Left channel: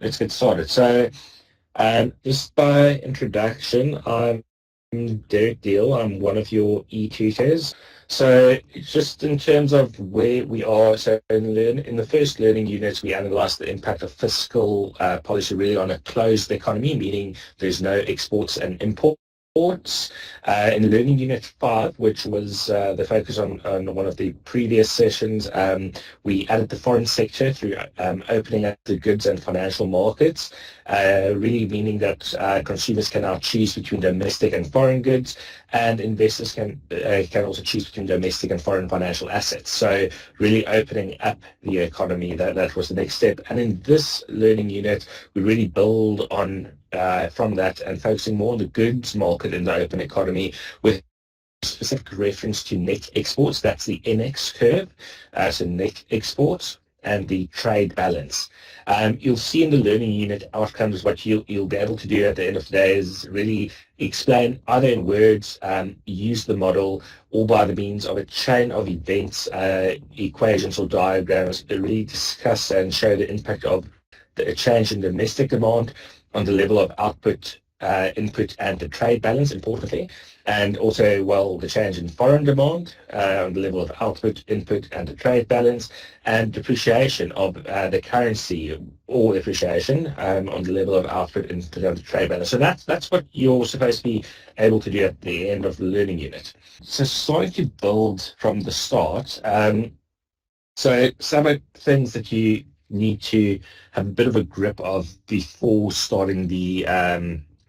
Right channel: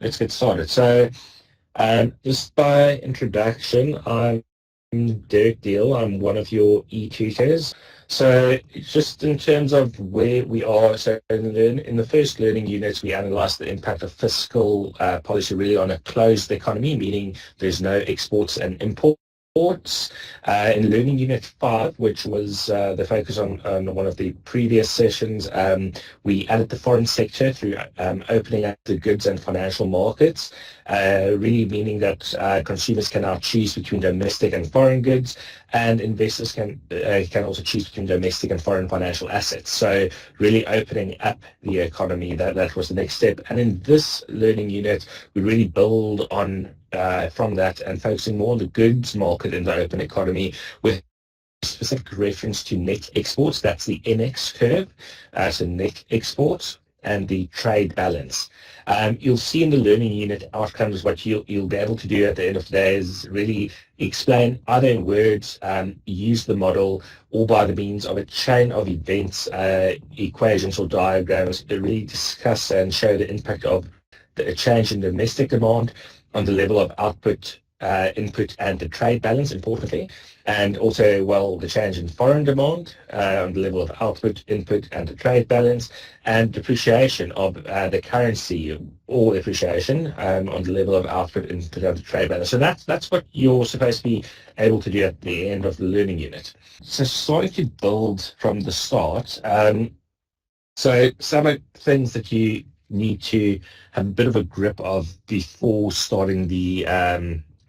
let's get started. So, just by introduction, I'm Derek Deal. I'm one of your e-tutors. So just in terms of where we are, so in the first learning units, we analysed the impact of fiscal policy really on a closed economy, meaning there's no exports and imports. In Learning Unit 5, which was the focus on one of the previous sessions, we added the foreign sector through opening up the goods and financial markets, really meaning that consumers can now choose between domestic and foreign goods, and investors can also choose between domestic and foreign financial assets. So really opening up the economy, that was the next step. And in this learning unit, we really build on from that and focusing more on the goods market in the open economy with specific reference to net exports. That's the NX curve, so net exports and the trade balance. You'll see in the learning unit outcomes what you'll be able to do at the end of the day is really explain either in words, use the model, or by the means of a chain of events, equations or diagrams, to really discuss and show the impact of a change in domestic demand on the level of output, input, and the trade balance, importantly, and also, the change in foreign demand on the level of output, input, and the trade balance, and depreciation of the currency or appreciation on the level of output, input, and the trade balance. So that's what you're supposed to be able to do at the end of the learning unit. So starting to build from the start, so some of the things that you need to have a bit of a grip of before starting the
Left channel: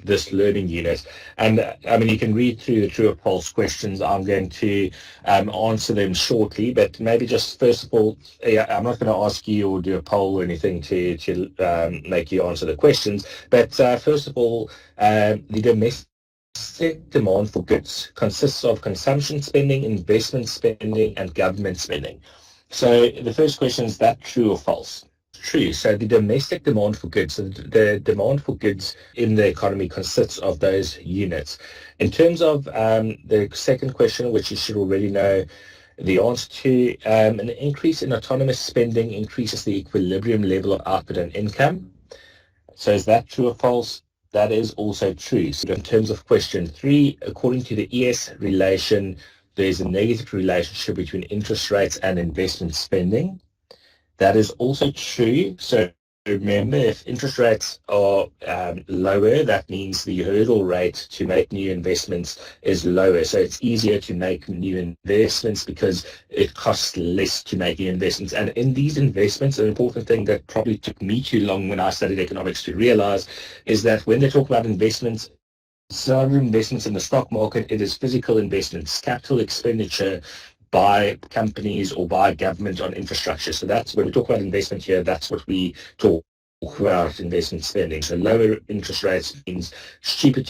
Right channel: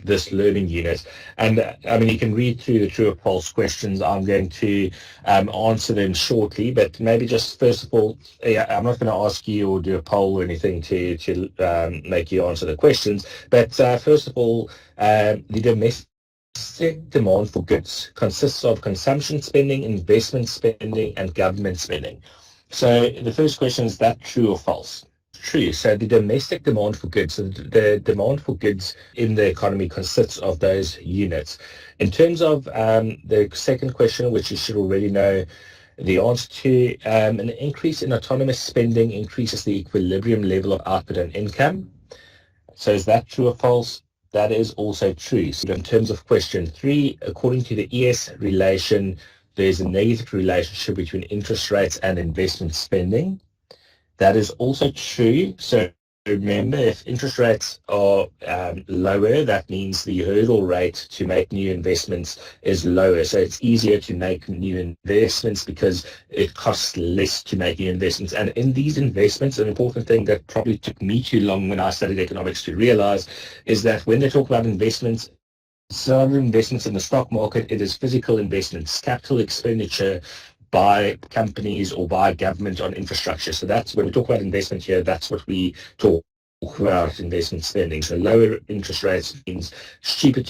this learning unit. And I mean, you can read through the true or false questions. I'm going to answer them shortly, but maybe just first of all, I'm not going to ask you or do a poll or anything to make you answer the questions. But first of all, the domestic demand for goods consists of consumption spending, investment spending, and government spending. So the first question is that true or false? True. So the domestic demand for goods, so the demand for goods in the economy consists of those units. In terms of the second question, which you should already know the answer to, an increase in autonomous spending increases the equilibrium level of output and income. So is that true or false? That is also true. So in terms of question 3, according to the ES relation, there's a negative relationship between interest rates and investment spending. That is also true. So remember, if interest rates are lower, that means the hurdle rate to make new investments is lower. So it's easier to make new investments because it costs less to make new investments. And in these investments, an important thing that probably took me too long when I studied economics to realize is that when they talk about investments, some investments in the stock market, it is physical investments, capital expenditure by companies or by government on infrastructure. So that's when we talk about investment here, that's what we talk about investment spending. So lower interest rates means it's cheaper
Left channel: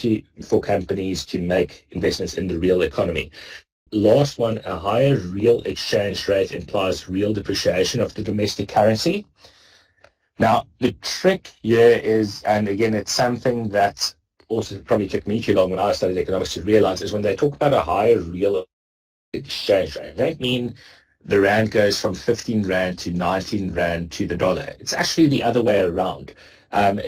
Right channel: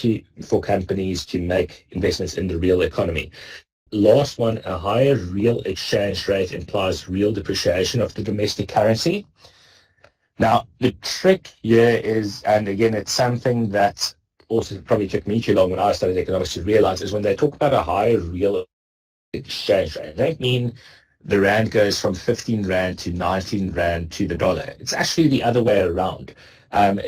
for companies to make investments in the real economy. Last one, a higher real exchange rate implies real depreciation of the domestic currency. Now, the trick here is, and again, it's something that also probably took me too long when I studied economics to realize, is when they talk about a higher real exchange rate, they don't mean the rand goes from 15 rand to 19 rand to the dollar. It's actually the other way around. Because,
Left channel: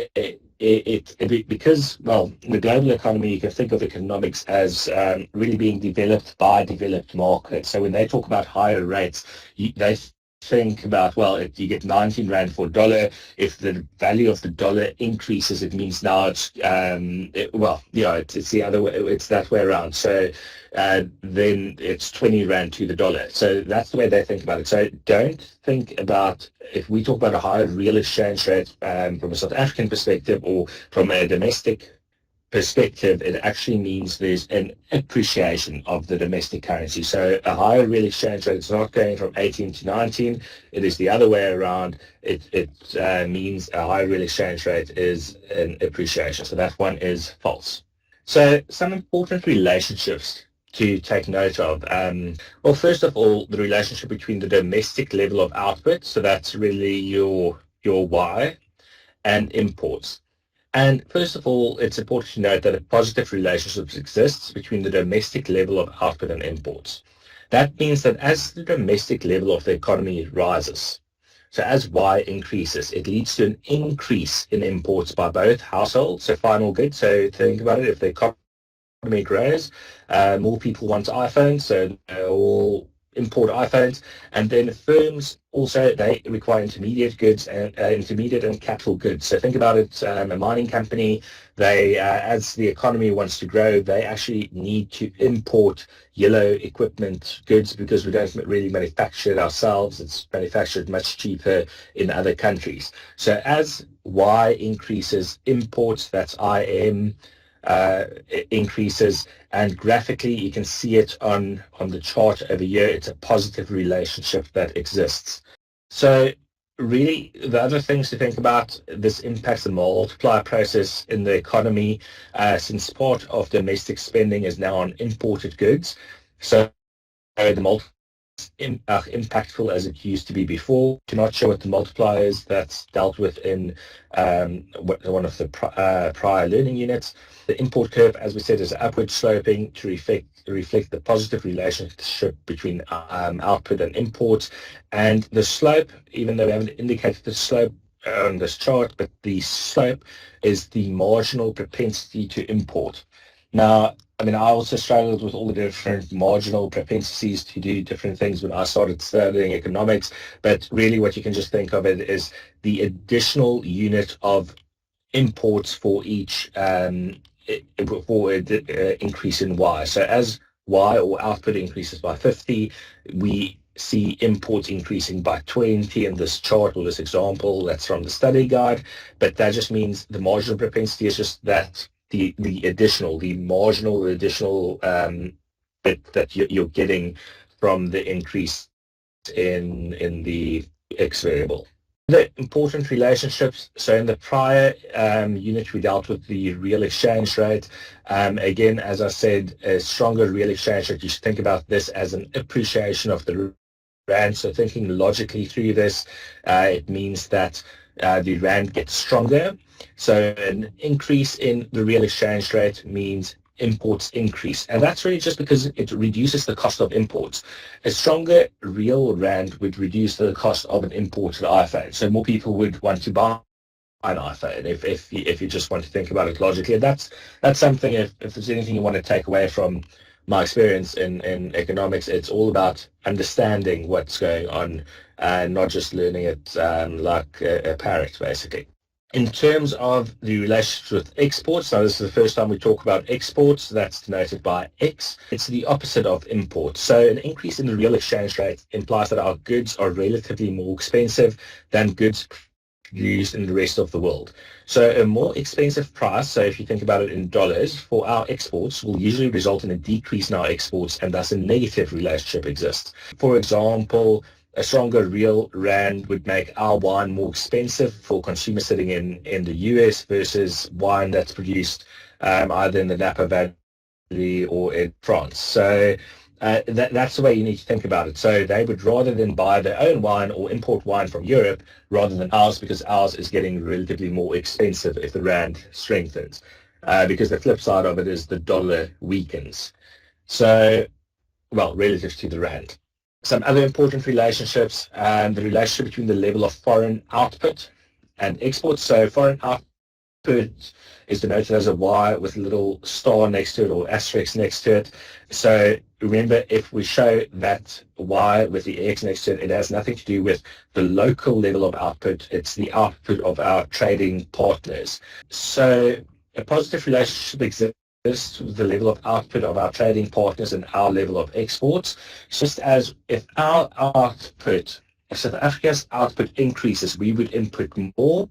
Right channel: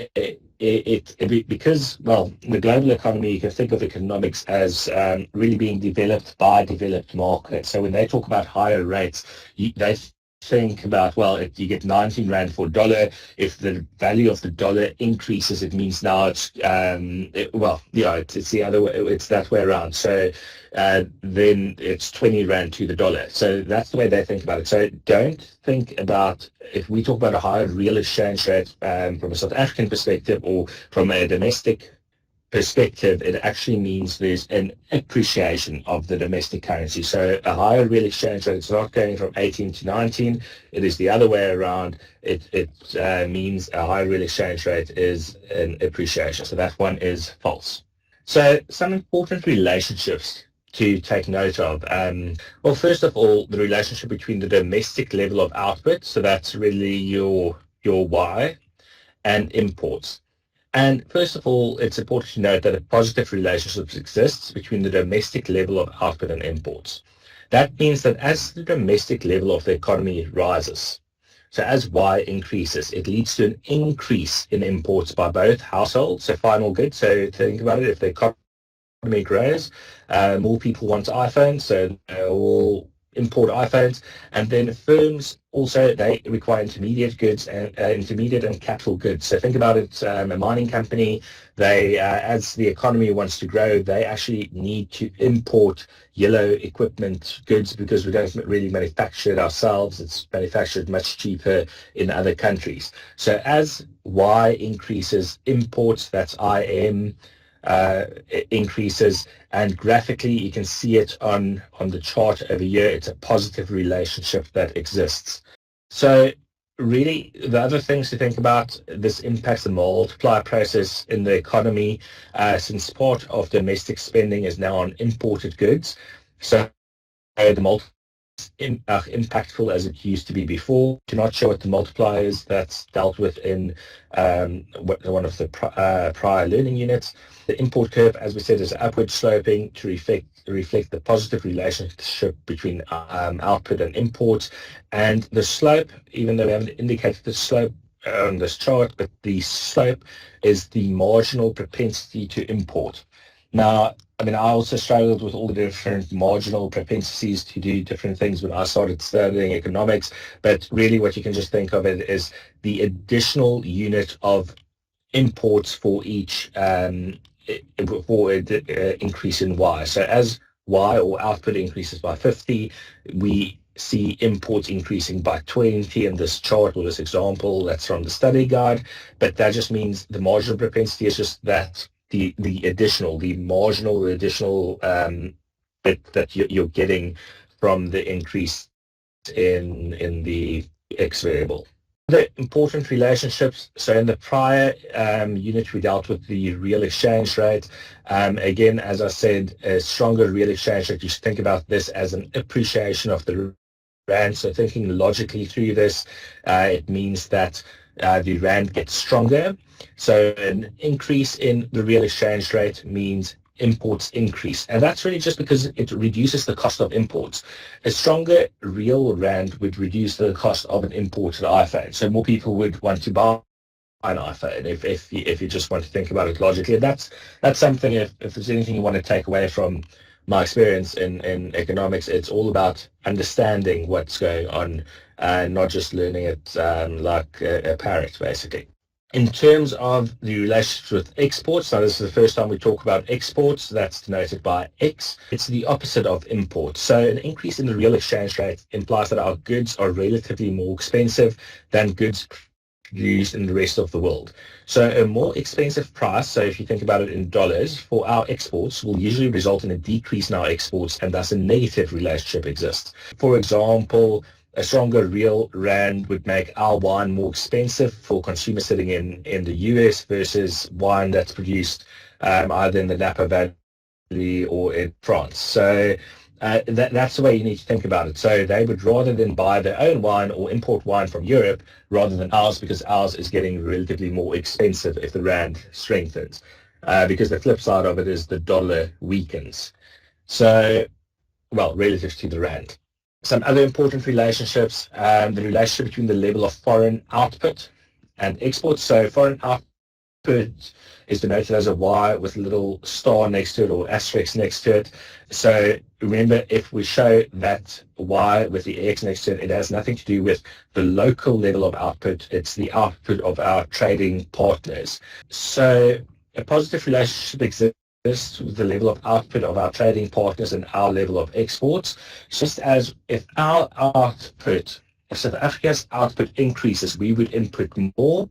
in the global economy, you can think of economics as really being developed by developed markets. So when they talk about higher rates, they think about, if you get 19 rand for a dollar, if the value of the dollar increases, it means now it's the other way, it's that way around. So then it's 20 rand to the dollar. So that's the way they think about it. So don't think about, if we talk about a higher real exchange rate from a South African perspective or from a domestic perspective, it actually means there's an appreciation of the domestic currency. So a higher real exchange rate is not going from 18 to 19. It is the other way around. It means a higher real exchange rate is an appreciation. So that one is false. So some important relationships to take note of. First of all, the relationship between the domestic level of output, so that's really your Y, and imports. And first of all, it's important to note that a positive relationship exists between the domestic level of output and imports. That means that as the domestic level of the economy rises, So as Y increases, it leads to an increase in imports by both households, so final goods. So think about it, if the economy grows, more people want iPhones, so they'll import iPhones, and then firms also, they require intermediate goods and intermediate and capital goods. So think about it, a mining company, they as the economy wants to grow, they actually need to import yellow equipment goods because we don't really manufacture it ourselves. It's manufactured much cheaper in other countries. So as Y increases, imports, that's IM, increases, and graphically you can see it on the chart over here. It's a positive relationship that exists. So really the other things to think about, this impacts the multiplier process in the economy, since part of domestic spending is now on imported goods. So the multiplier impactful as it used to be before. To not show what the multiplier is, that's dealt with in one of the prior learning units. The import curve, as we said, is upward sloping to reflect the positive relationship between output and imports. And the slope, even though we haven't indicated the slope on this chart, but the slope is the marginal propensity to import. Now, I mean, I also struggled with all the different marginal propensities to do different things when I started studying economics, but really what you can just think of it is the additional unit of imports for each increase in Y. So as Y or output increases by 50, we see imports increasing by 20 in this chart or this example. That's from the study guide, but that just means the marginal propensity is just that the marginal additional bit that you're getting from the increase in the X variable. The important relationships. So in the prior unit, we dealt with the real exchange rate. Again, as I said, a stronger real exchange rate, you should think about this as an appreciation of the rand. So thinking logically through this, it means that the rand gets stronger. So an increase in the real exchange rate means imports increase. And that's really just because it reduces the cost of imports. A stronger real rand would reduce the cost of an imported iPhone. So more people would want to buy an iPhone if you just want to think about it logically. And that's something, if there's anything you want to take away from my experience in economics, it's all about understanding what's going on and not just learning it like a parrot, basically. In terms of the relationship with exports, now this is the first time we talk about exports, that's denoted by X. It's the opposite of imports. So an increase in the real exchange rate implies that our goods are relatively more expensive than goods produced in the rest of the world. So a more expensive price, so if you think about it in dollars, for our exports will usually result in a decrease in our exports, and thus a negative relationship exists. For example, a stronger real rand would make our wine more expensive for consumers sitting in the US versus wine that's produced either in the Napa Valley or in France. So that's the way you need to think about it. So they would rather than buy their own wine or import wine from Europe rather than ours, because ours is getting relatively more expensive if the rand strengthens. Because the flip side of it is the dollar weakens. So, well, relative to the rand. Some other important relationships, the relationship between the level of foreign output and exports. So foreign output is denoted as a Y with a little star next to it or asterisk next to it. So remember, if we show that Y with the X next to it, it has nothing to do with the local level of output. It's the output of our trading partners. So a positive relationship exists with the level of output of our trading partners and our level of exports. Just as if our output, if South Africa's output increases, we would import more.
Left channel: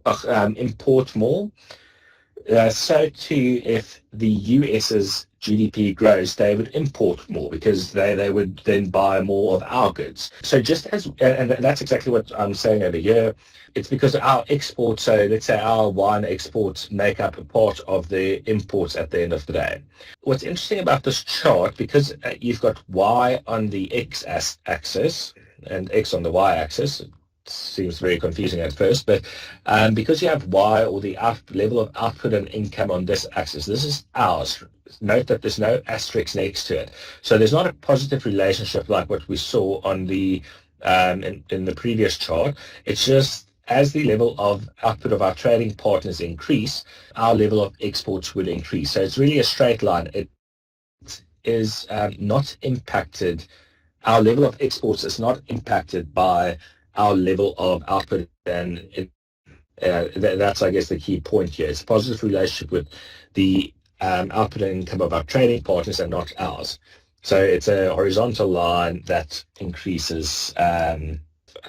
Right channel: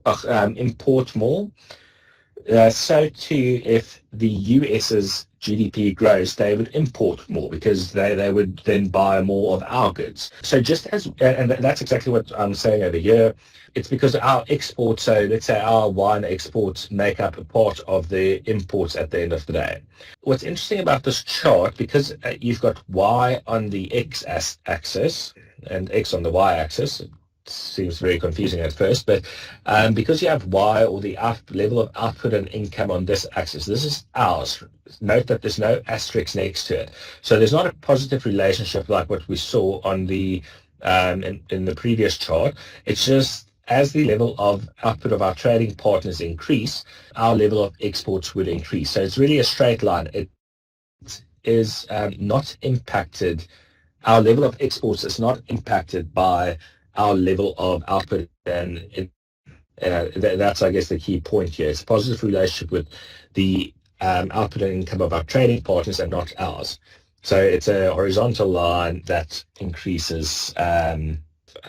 So too, if the US's GDP grows, they would import more because they would then buy more of our goods. So just as, and that's exactly what I'm saying over here, it's because our exports, so let's say our wine exports make up a part of the imports at the end of the day. What's interesting about this chart, because you've got Y on the X-axis and X on the Y-axis, seems very confusing at first, but because you have Y or the level of output and income on this axis, this is ours. Note that there's no asterisk next to it. So there's not a positive relationship like what we saw on the in the previous chart. It's just as the level of output of our trading partners increase, our level of exports would increase. So it's really a straight line. It is not impacted. Our level of exports is not impacted by our level of output, and that's, I guess, the key point here. It's a positive relationship with the output and income of our trading partners and not ours. So it's a horizontal line that increases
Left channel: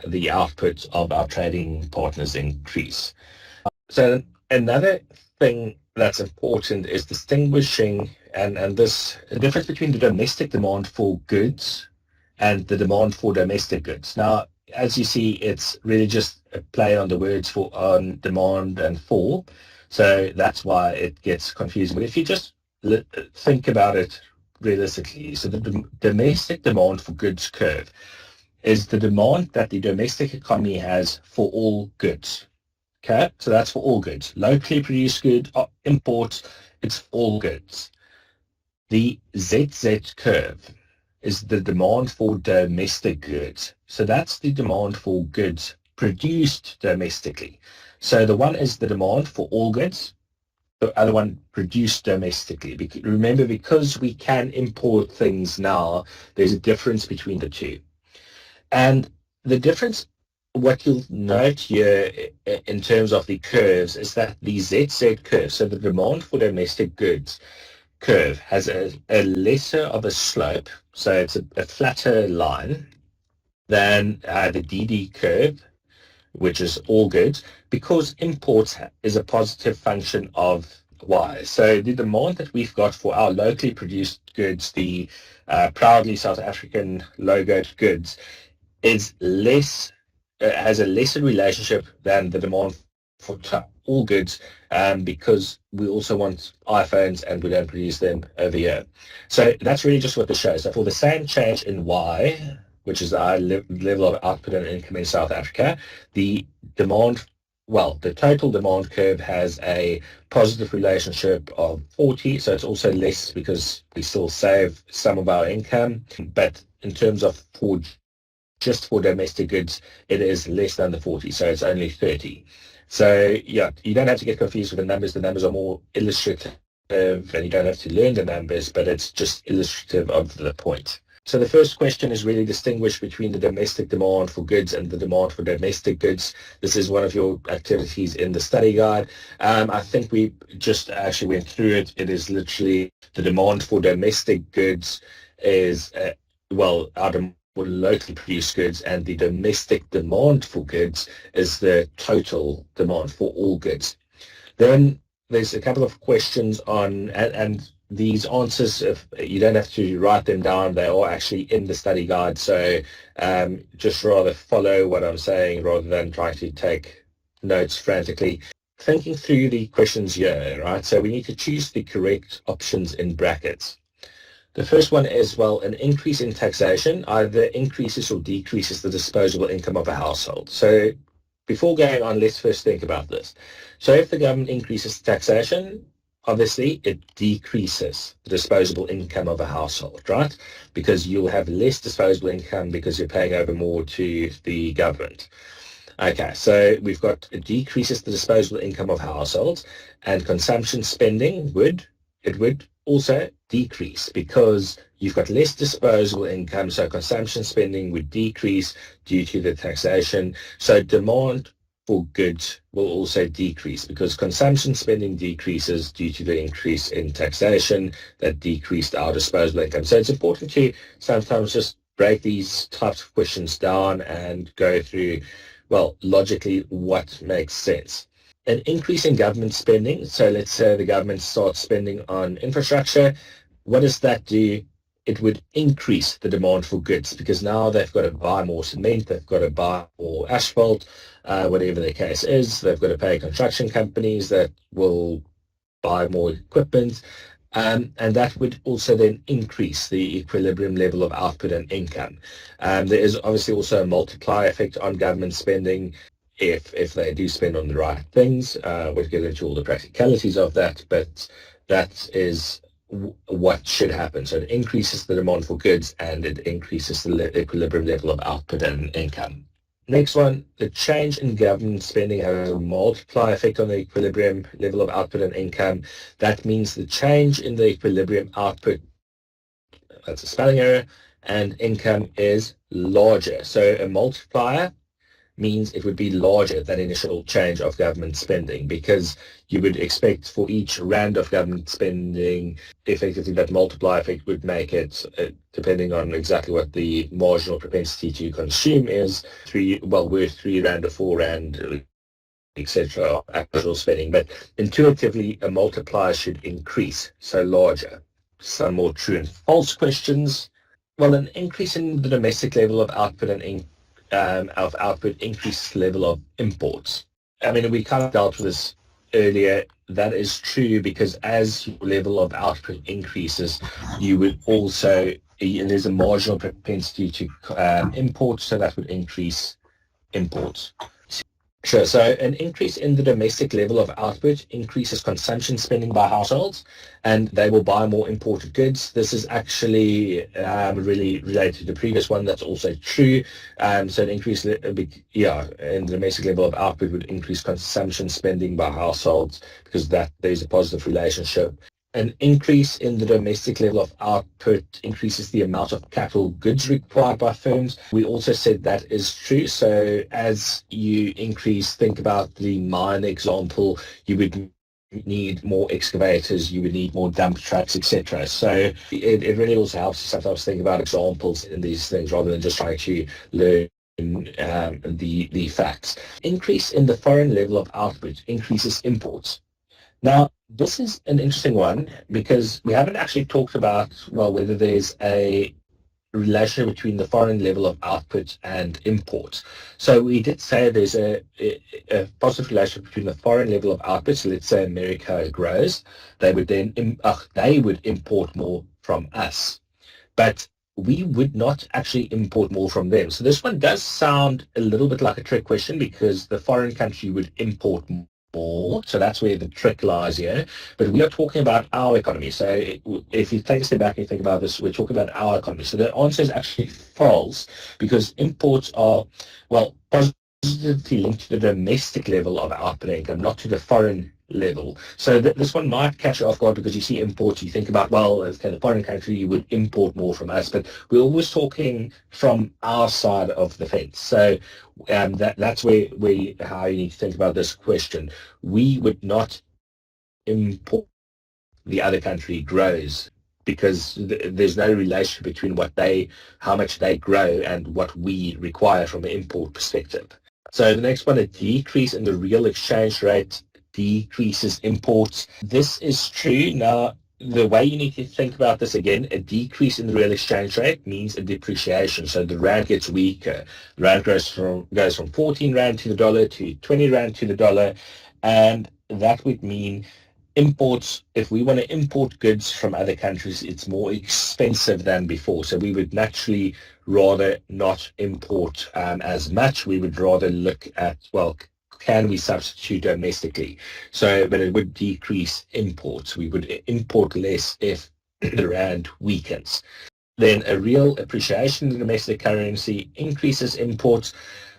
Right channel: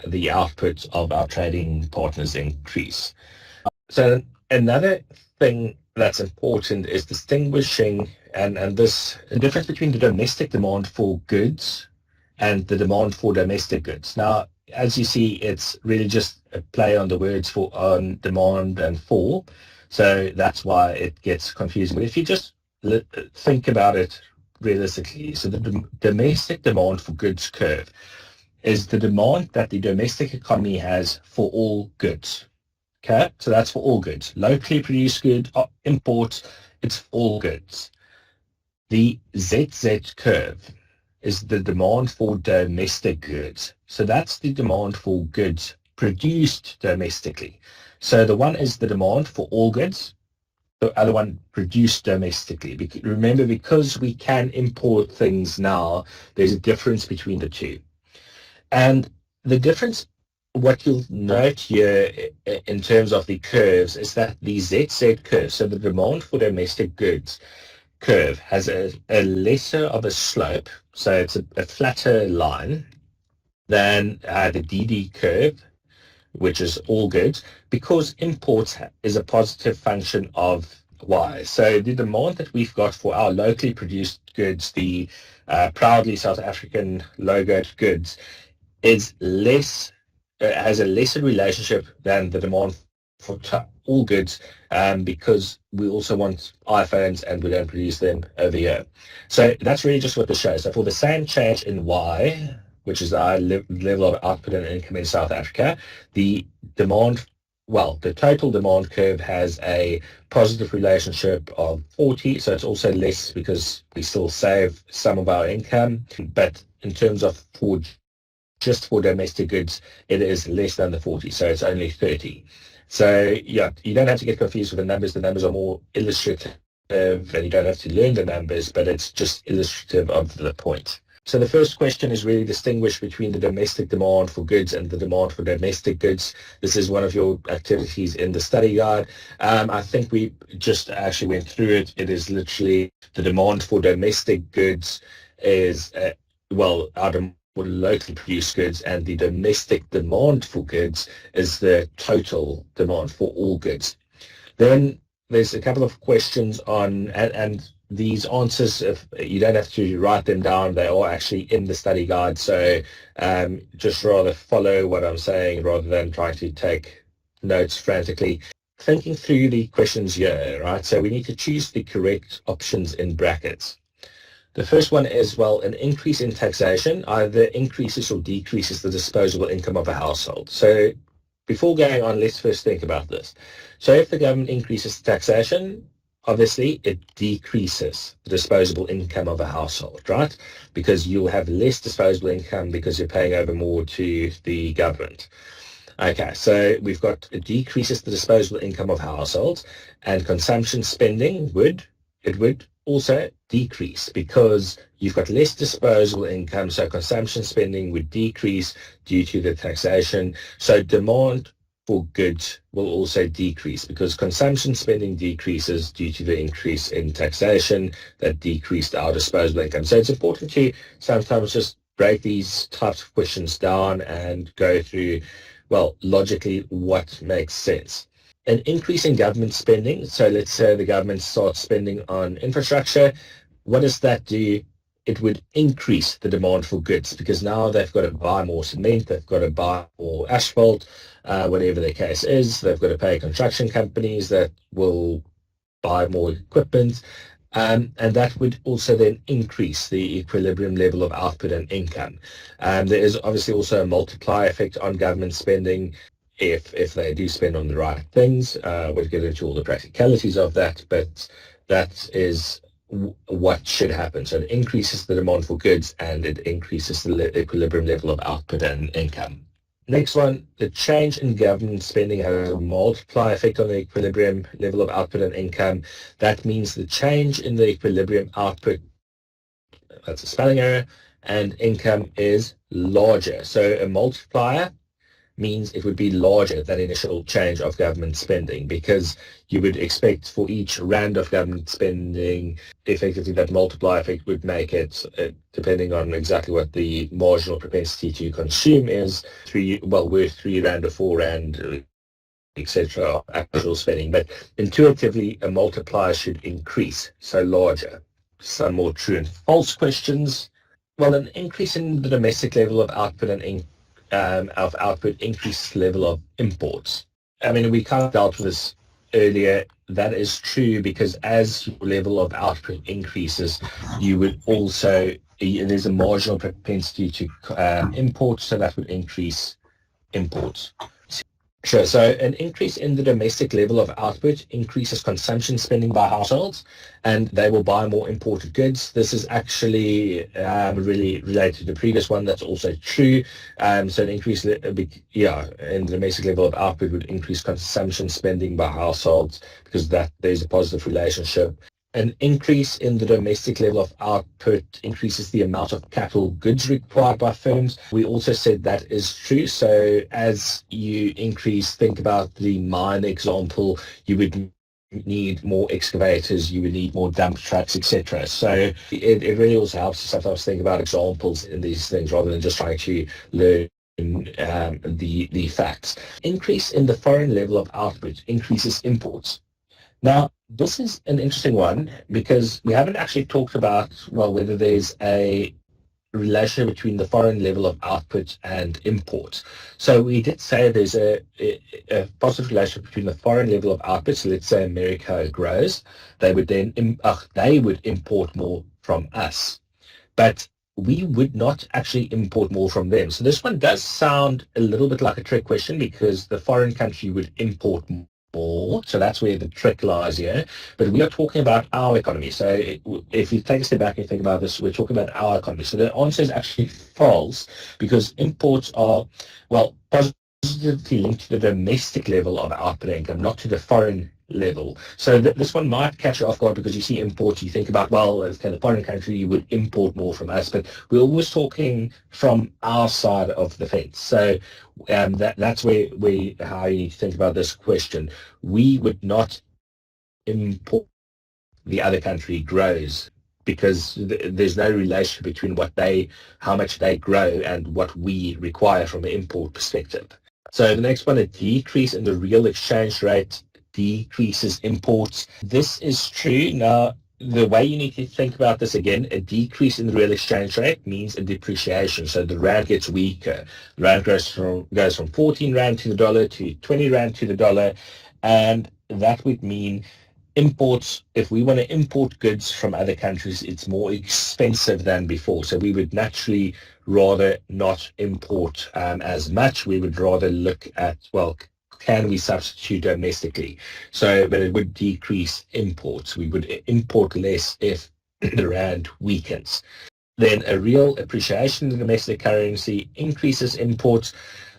the output of our trading partners increase. So another thing that's important is distinguishing and this the difference between the domestic demand for goods and the demand for domestic goods. Now, as you see, it's really just a play on the words for on demand and for. So that's why it gets confusing. But if you just think about it realistically, so the domestic demand for goods curve is the demand that the domestic economy has for all goods. Okay, so that's for all goods. Locally produced goods, imports, it's all goods. The ZZ curve is the demand for domestic goods. So that's the demand for goods produced domestically. So the one is the demand for all goods, the other one produced domestically. Remember, because we can import things now, there's a difference between the two. And the difference, what you'll note here in terms of the curves, is that the ZZ curve, so the demand for domestic goods curve, has a lesser of a slope, so it's a flatter line than the DD curve, which is all goods, because imports is a positive function of Y. So the demand that we've got for our locally produced goods, the proudly South African logoed goods, is less, has a lesser relationship than the demand for all goods, because we also want iPhones and we don't produce them over here. So that's really just what this shows. So for the same change in Y, which is our level of output and income in South Africa, the demand, well, the total demand curve has a positive relationship of 40. So it's also less because we still save some of our income. But in terms of just for domestic goods, it is less than the 40. So it's only 30. So yeah, you don't have to get confused with the numbers. The numbers are more illustrative, and you don't have to learn the numbers, but it's just illustrative of the point. So the first question is really distinguish between the domestic demand for goods and the demand for domestic goods. This is one of your activities in the study guide. I think we just actually went through it. It is literally the demand for domestic goods is, our demand for locally produced goods, and the domestic demand for goods is the total demand for all goods. Then there's a couple of questions on, and these answers, if you don't have to write them down, they are actually in the study guide. So just rather follow what I'm saying rather than trying to take notes frantically. Thinking through the questions here, right? So we need to choose the correct options in brackets. The first one is, well, an increase in taxation either increases or decreases the disposable income of a household. So before going on, let's first think about this. So if the government increases taxation, obviously it decreases the disposable income of a household, right? Because you'll have less disposable income because you're paying over more to the government. Okay, so we've got it decreases the disposable income of households, and consumption spending would also decrease because you've got less disposable income, so consumption spending would decrease due to the taxation. So demand for goods will also decrease because consumption spending decreases due to the increase in taxation that decreased our disposable income. So it's important to sometimes just break these types of questions down and go through, well, logically what makes sense. An increase in government spending. So let's say the government starts spending on infrastructure. What does that do? It would increase the demand for goods because now they've got to buy more cement, they've got to buy more asphalt, whatever the case is. They've got to pay construction companies that will buy more equipment. And that would also then increase the equilibrium level of output and income. There is obviously also a multiplier effect on government spending if they do spend on the right things. We'll get into all the practicalities of that, but that is what should happen. So it increases the demand for goods and it increases the equilibrium level of output and income. Next one, the change in government spending has a multiplier effect on the equilibrium level of output and income. That means the change in the equilibrium output, that's a spelling error, and income is larger. So a multiplier means it would be larger than initial change of government spending, because you would expect for each rand of government spending, effectively that multiplier effect would make it, depending on exactly what the marginal propensity to consume is, worth 3 rand or 4 rand, etc., actual spending. But intuitively, a multiplier should increase, so larger. Some more true and false questions. Well, an increase in the domestic level of output and output increases level of imports. I mean, we kind of dealt with this earlier. That is true because as your level of output increases, you would also, there's a marginal propensity to import, so that would increase imports. Sure. So an increase in the domestic level of output increases consumption spending by households, and they will buy more imported goods. This is actually really related to the previous one. That's also true. So an increase in the domestic level of output would increase consumption spending by households because there's a positive relationship. An increase in the domestic level of output increases the amount of capital goods required by firms. We also said that is true. So as you increase, think about the mine example, you would need more excavators, you would need more dump trucks, etc. So it really also helps to sometimes think about examples in these things rather than just trying to learn the facts. Increase in the foreign level of output increases imports. Now, this is an interesting one because we haven't actually talked about, whether there's a relation between the foreign level of output and import. So we did say there's a positive relation between the foreign level of output. So let's say America grows, they would import more from us, but we would not actually import more from them. So this one does sound a little bit like a trick question because the foreign country would import more. So that's where the trick lies here. But we are talking about our economy. So if you take a step back and think about this, we're talking about our economy. So the answer is actually false because imports are, positively linked to the domestic level of output income, not to the foreign level. So this one might catch you off guard because you see imports, you think about, the foreign country, you would import more from us, but we're always talking from our side of the fence. So that's how you need to think about this question. We would not import the other country grows because there's no relation between how much they grow and what we require from an import perspective. So the next one, a decrease in the real exchange rate decreases imports. This is true. Now, the way you need to think about this again, a decrease in the real exchange rate means a depreciation. So the rand gets weaker. The rand goes from 14 rand to the dollar to 20 rand to the dollar, and that would mean imports. If we want to import goods from other countries, it's more expensive than before. So we would naturally rather not import as much. We would rather look at, can we substitute domestically? But it would decrease imports. We would import less if the rand weakens. Then a real appreciation in the domestic currency increases imports.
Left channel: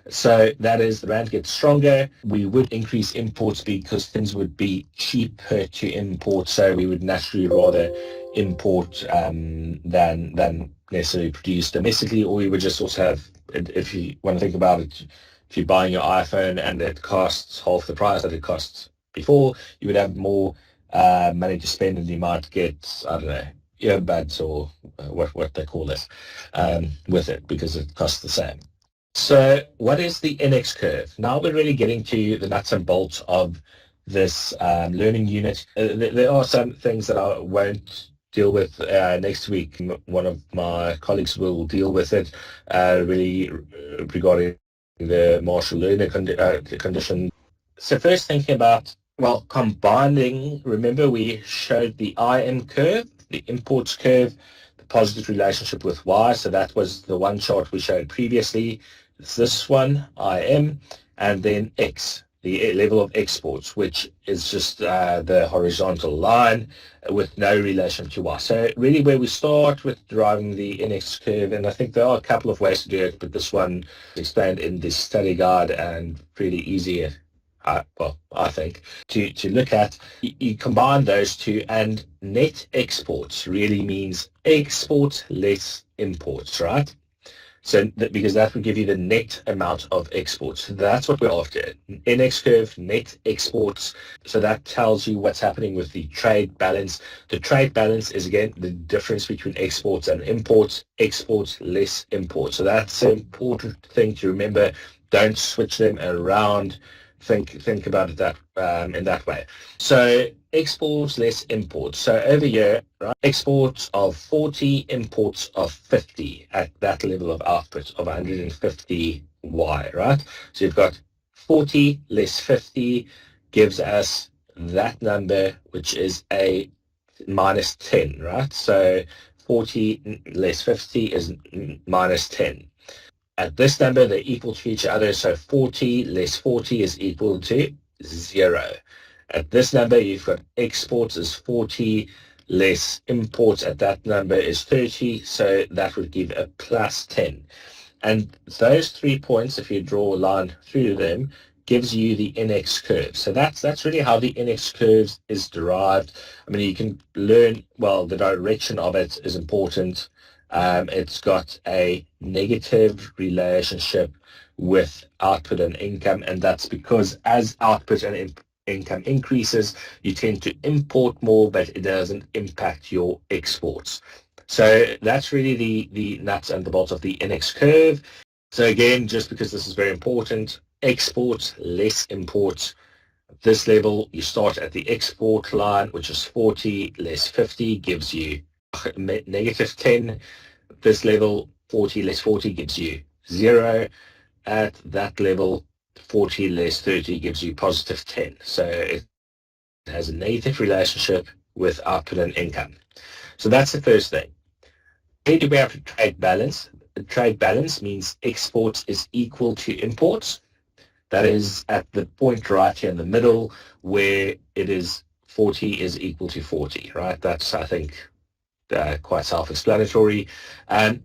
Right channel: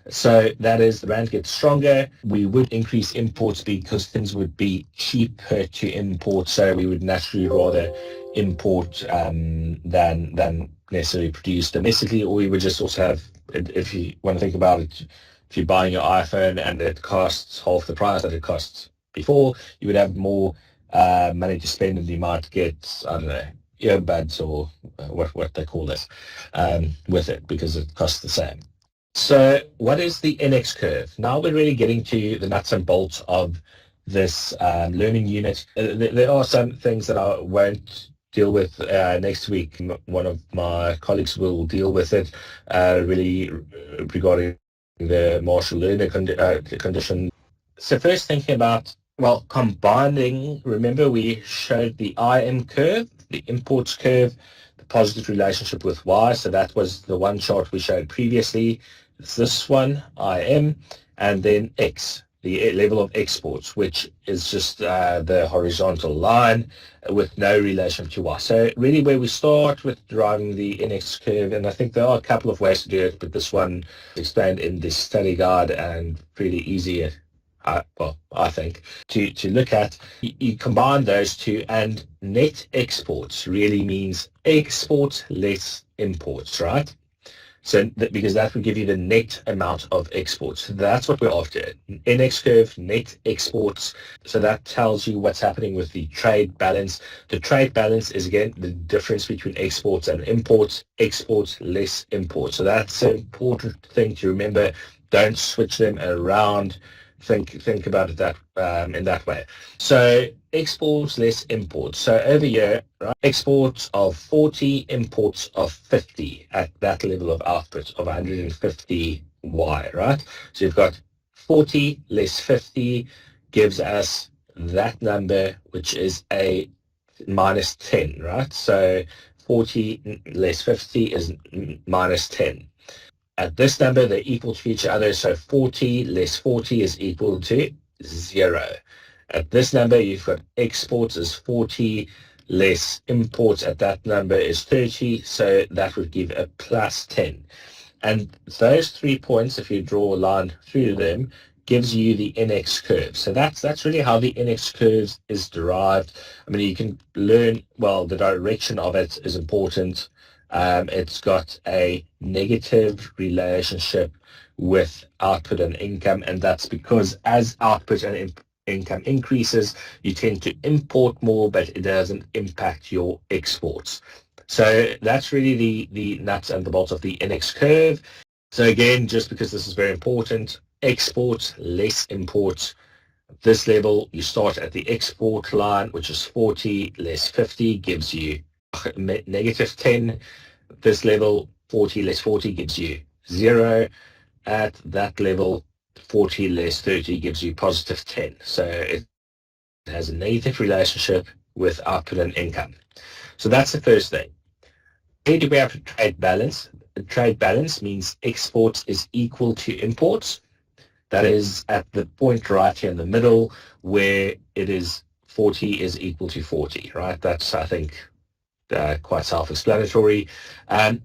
So that is, the rand gets stronger. We would increase imports because things would be cheaper to import. So we would naturally rather import than necessarily produce domestically. Or we would just also have, if you want to think about it, if you're buying your iPhone and it costs half the price that it costs before, you would have more money to spend, and you might get, earbuds or what they call this with it because it costs the same. So what is the NX curve? Now we're really getting to the nuts and bolts of this learning unit. There are some things that I won't deal with next week. One of my colleagues will deal with it, really regarding the Marshall learner condition. So first thinking about, combining, remember we showed the IM curve, the imports curve, the positive relationship with Y. So that was the one chart we showed previously. It's this one, IM, and then X the level of exports, which is just the horizontal line with no relation to y. So really where we start with deriving the NX curve, and I think there are a couple of ways to do it, but this one is explained in the study guide and pretty easy, well, I think, to look at. You combine those two, and net exports really means exports less imports, right? So because that would give you the net amount of exports. So that's what we're after. NX curve, net exports. So that tells you what's happening with the trade balance. The trade balance is, again, the difference between exports and imports. Exports less imports. So that's an important thing to remember. Don't switch them around. Think about it that in that way. So exports less imports. So over here, right, exports of 40, imports of 50 at that level of output of 150 Y, right? So you've got 40 less 50 gives us that number, which is a minus 10, right? So 40 less 50 is minus 10. At this number, they're equal to each other, so 40 less 40 is equal to 0. At this number, you've got exports is 40 less imports. At that number is 30, so that would give a plus 10. And those 3 points, if you draw a line through them, gives you the NX curve. So that's really how the NX curve is derived. I mean, you can learn, well, the direction of it is important. It's got a negative relationship with output and income, and that's because as output and income increases, you tend to import more, but it doesn't impact your exports. So that's really the nuts and the bolts of the NX curve. So again, just because this is very important, exports less imports. At this level, you start at the export line, which is 40 less 50 gives you negative 10. At this level, 40 less 40 gives you 0. At that level, 40 less 30 gives you positive 10. So it has a negative relationship with output and income. So that's the first thing. Where do we have a trade balance? The trade balance means exports is equal to imports. That is at the point right here in the middle where it is 40 is equal to 40, right? That's, I think, quite self-explanatory.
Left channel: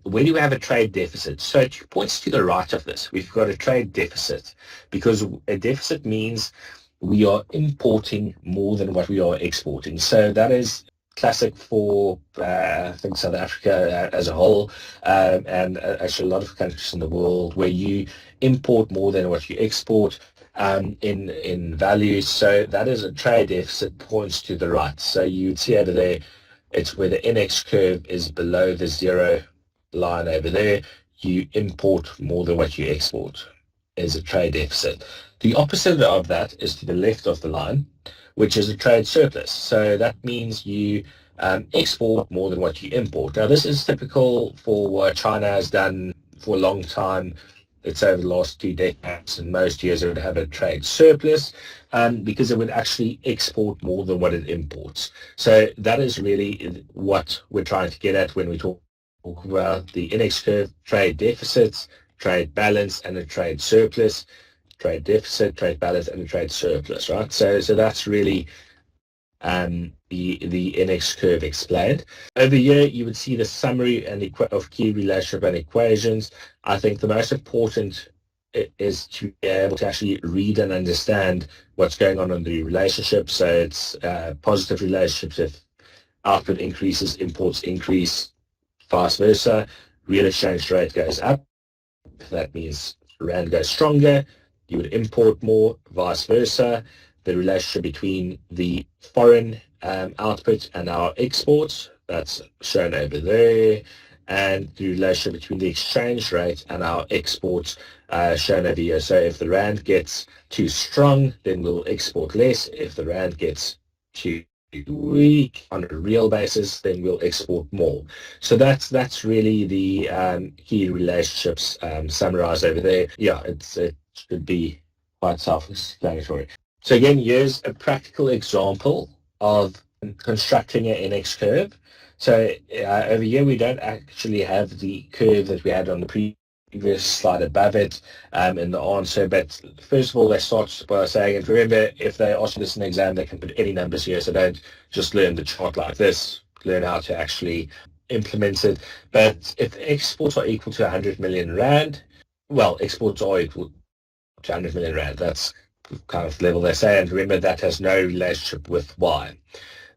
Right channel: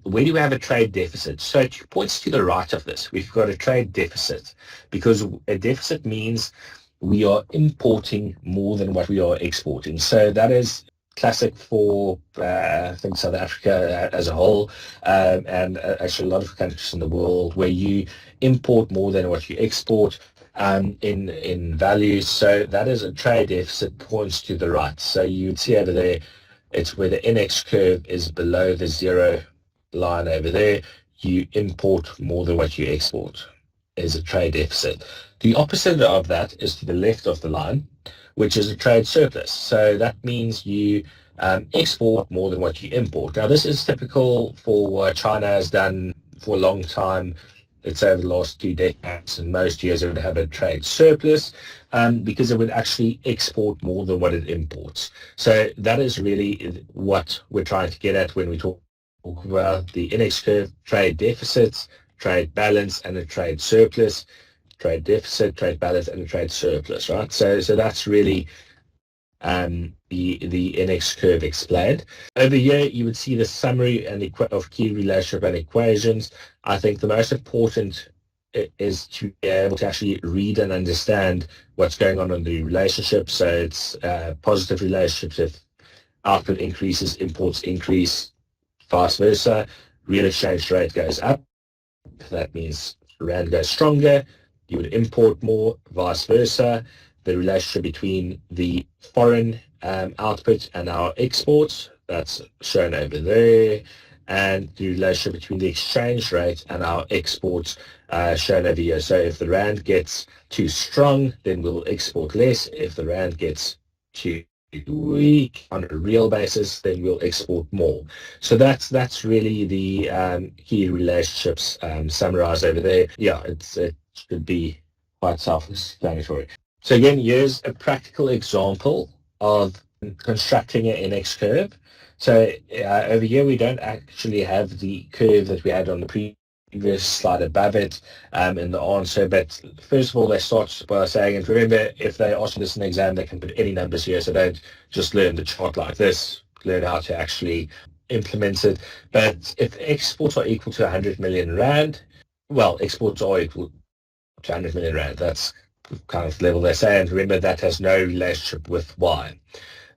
Where do we have a trade deficit? So it points to the right of this. We've got a trade deficit because a deficit means we are importing more than what we are exporting. So that is classic for, I think, South Africa as a whole, and actually a lot of countries in the world where you import more than what you export in value. So that is a trade deficit, points to the right. So you'd see over there, it's where the NX curve is below the 0 line over there. You import more than what you export is a trade deficit. The opposite of that is to the left of the line, which is a trade surplus. So that means you export more than what you import. Now, this is typical for what China has done for a long time. It's over the last 2 decades, and most years it would have a trade surplus because it would actually export more than what it imports. So that is really what we're trying to get at when we talk about the NX curve: trade deficits, trade balance, and a trade surplus. Trade deficit, trade balance, and a trade surplus, right? So that's really the NX curve explained. Over here, you would see the summary and of key relationship and equations. I think the most important is to be able to actually read and understand what's going on in the relationship. So it's positive relationships if output increases, imports increase, vice versa. Real exchange rate goes up. That means rand goes stronger. You would import more, vice versa. The relationship between the foreign output and our exports, that's shown over there, and the relationship between the exchange rate and our exports shown over here. So if the rand gets too strong, then we'll export less. If the rand gets too weak on a real basis, then we'll export more. So that's really the key relationships summarized over there. Yeah, it should be quite self-explanatory. So again, here's a practical example of constructing an NX curve. So over here, we don't actually have the curve that we had on the previous slide above it in the answer. But first of all, they start by saying, and remember, if they ask you this in an exam, they can put any numbers here, so don't just learn the chart like this, learn how to actually implement it. But if exports are equal to 100 million rand, well, exports are equal to 100 million rand. That's kind of the level they say, and remember that has no relationship with Y.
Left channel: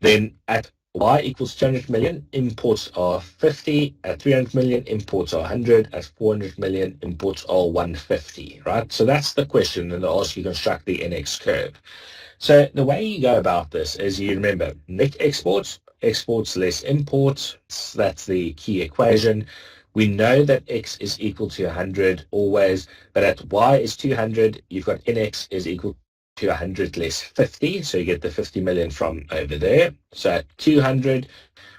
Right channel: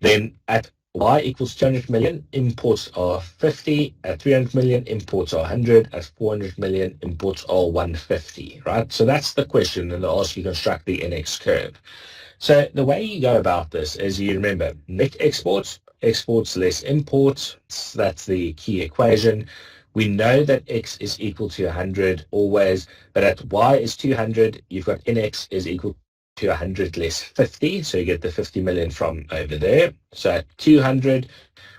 Then at Y equals 200 million, imports are 50. At 300 million, imports are 100. At 400 million, imports are 150, right? So that's the question, and they'll ask you to construct the NX curve. So the way you go about this is you remember net exports, exports less imports. That's the key equation. We know that X is equal to 100 always, but at Y is 200, you've got NX is equal to 100 less 50, so you get the 50 million from over there. So at 200,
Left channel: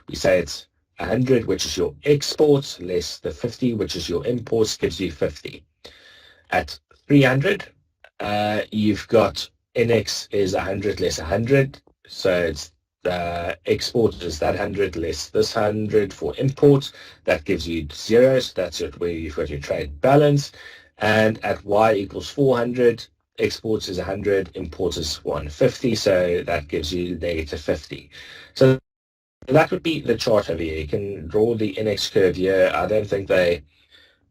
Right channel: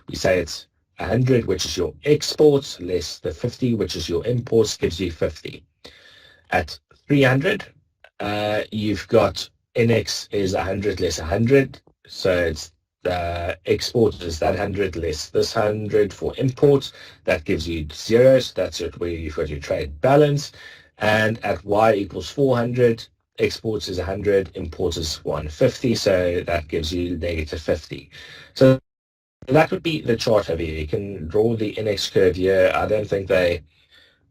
we say it's 100, which is your exports, less the 50, which is your imports, gives you 50. At 300, you've got NX is 100 less 100, so it's export is that 100 less this 100 for imports. That gives you 0, so that's it where you've got your trade balance. And at Y equals 400, exports is 100, imports is 150, so that gives you negative 50. So that would be the chart over here. You can draw the NX curve here. I don't think they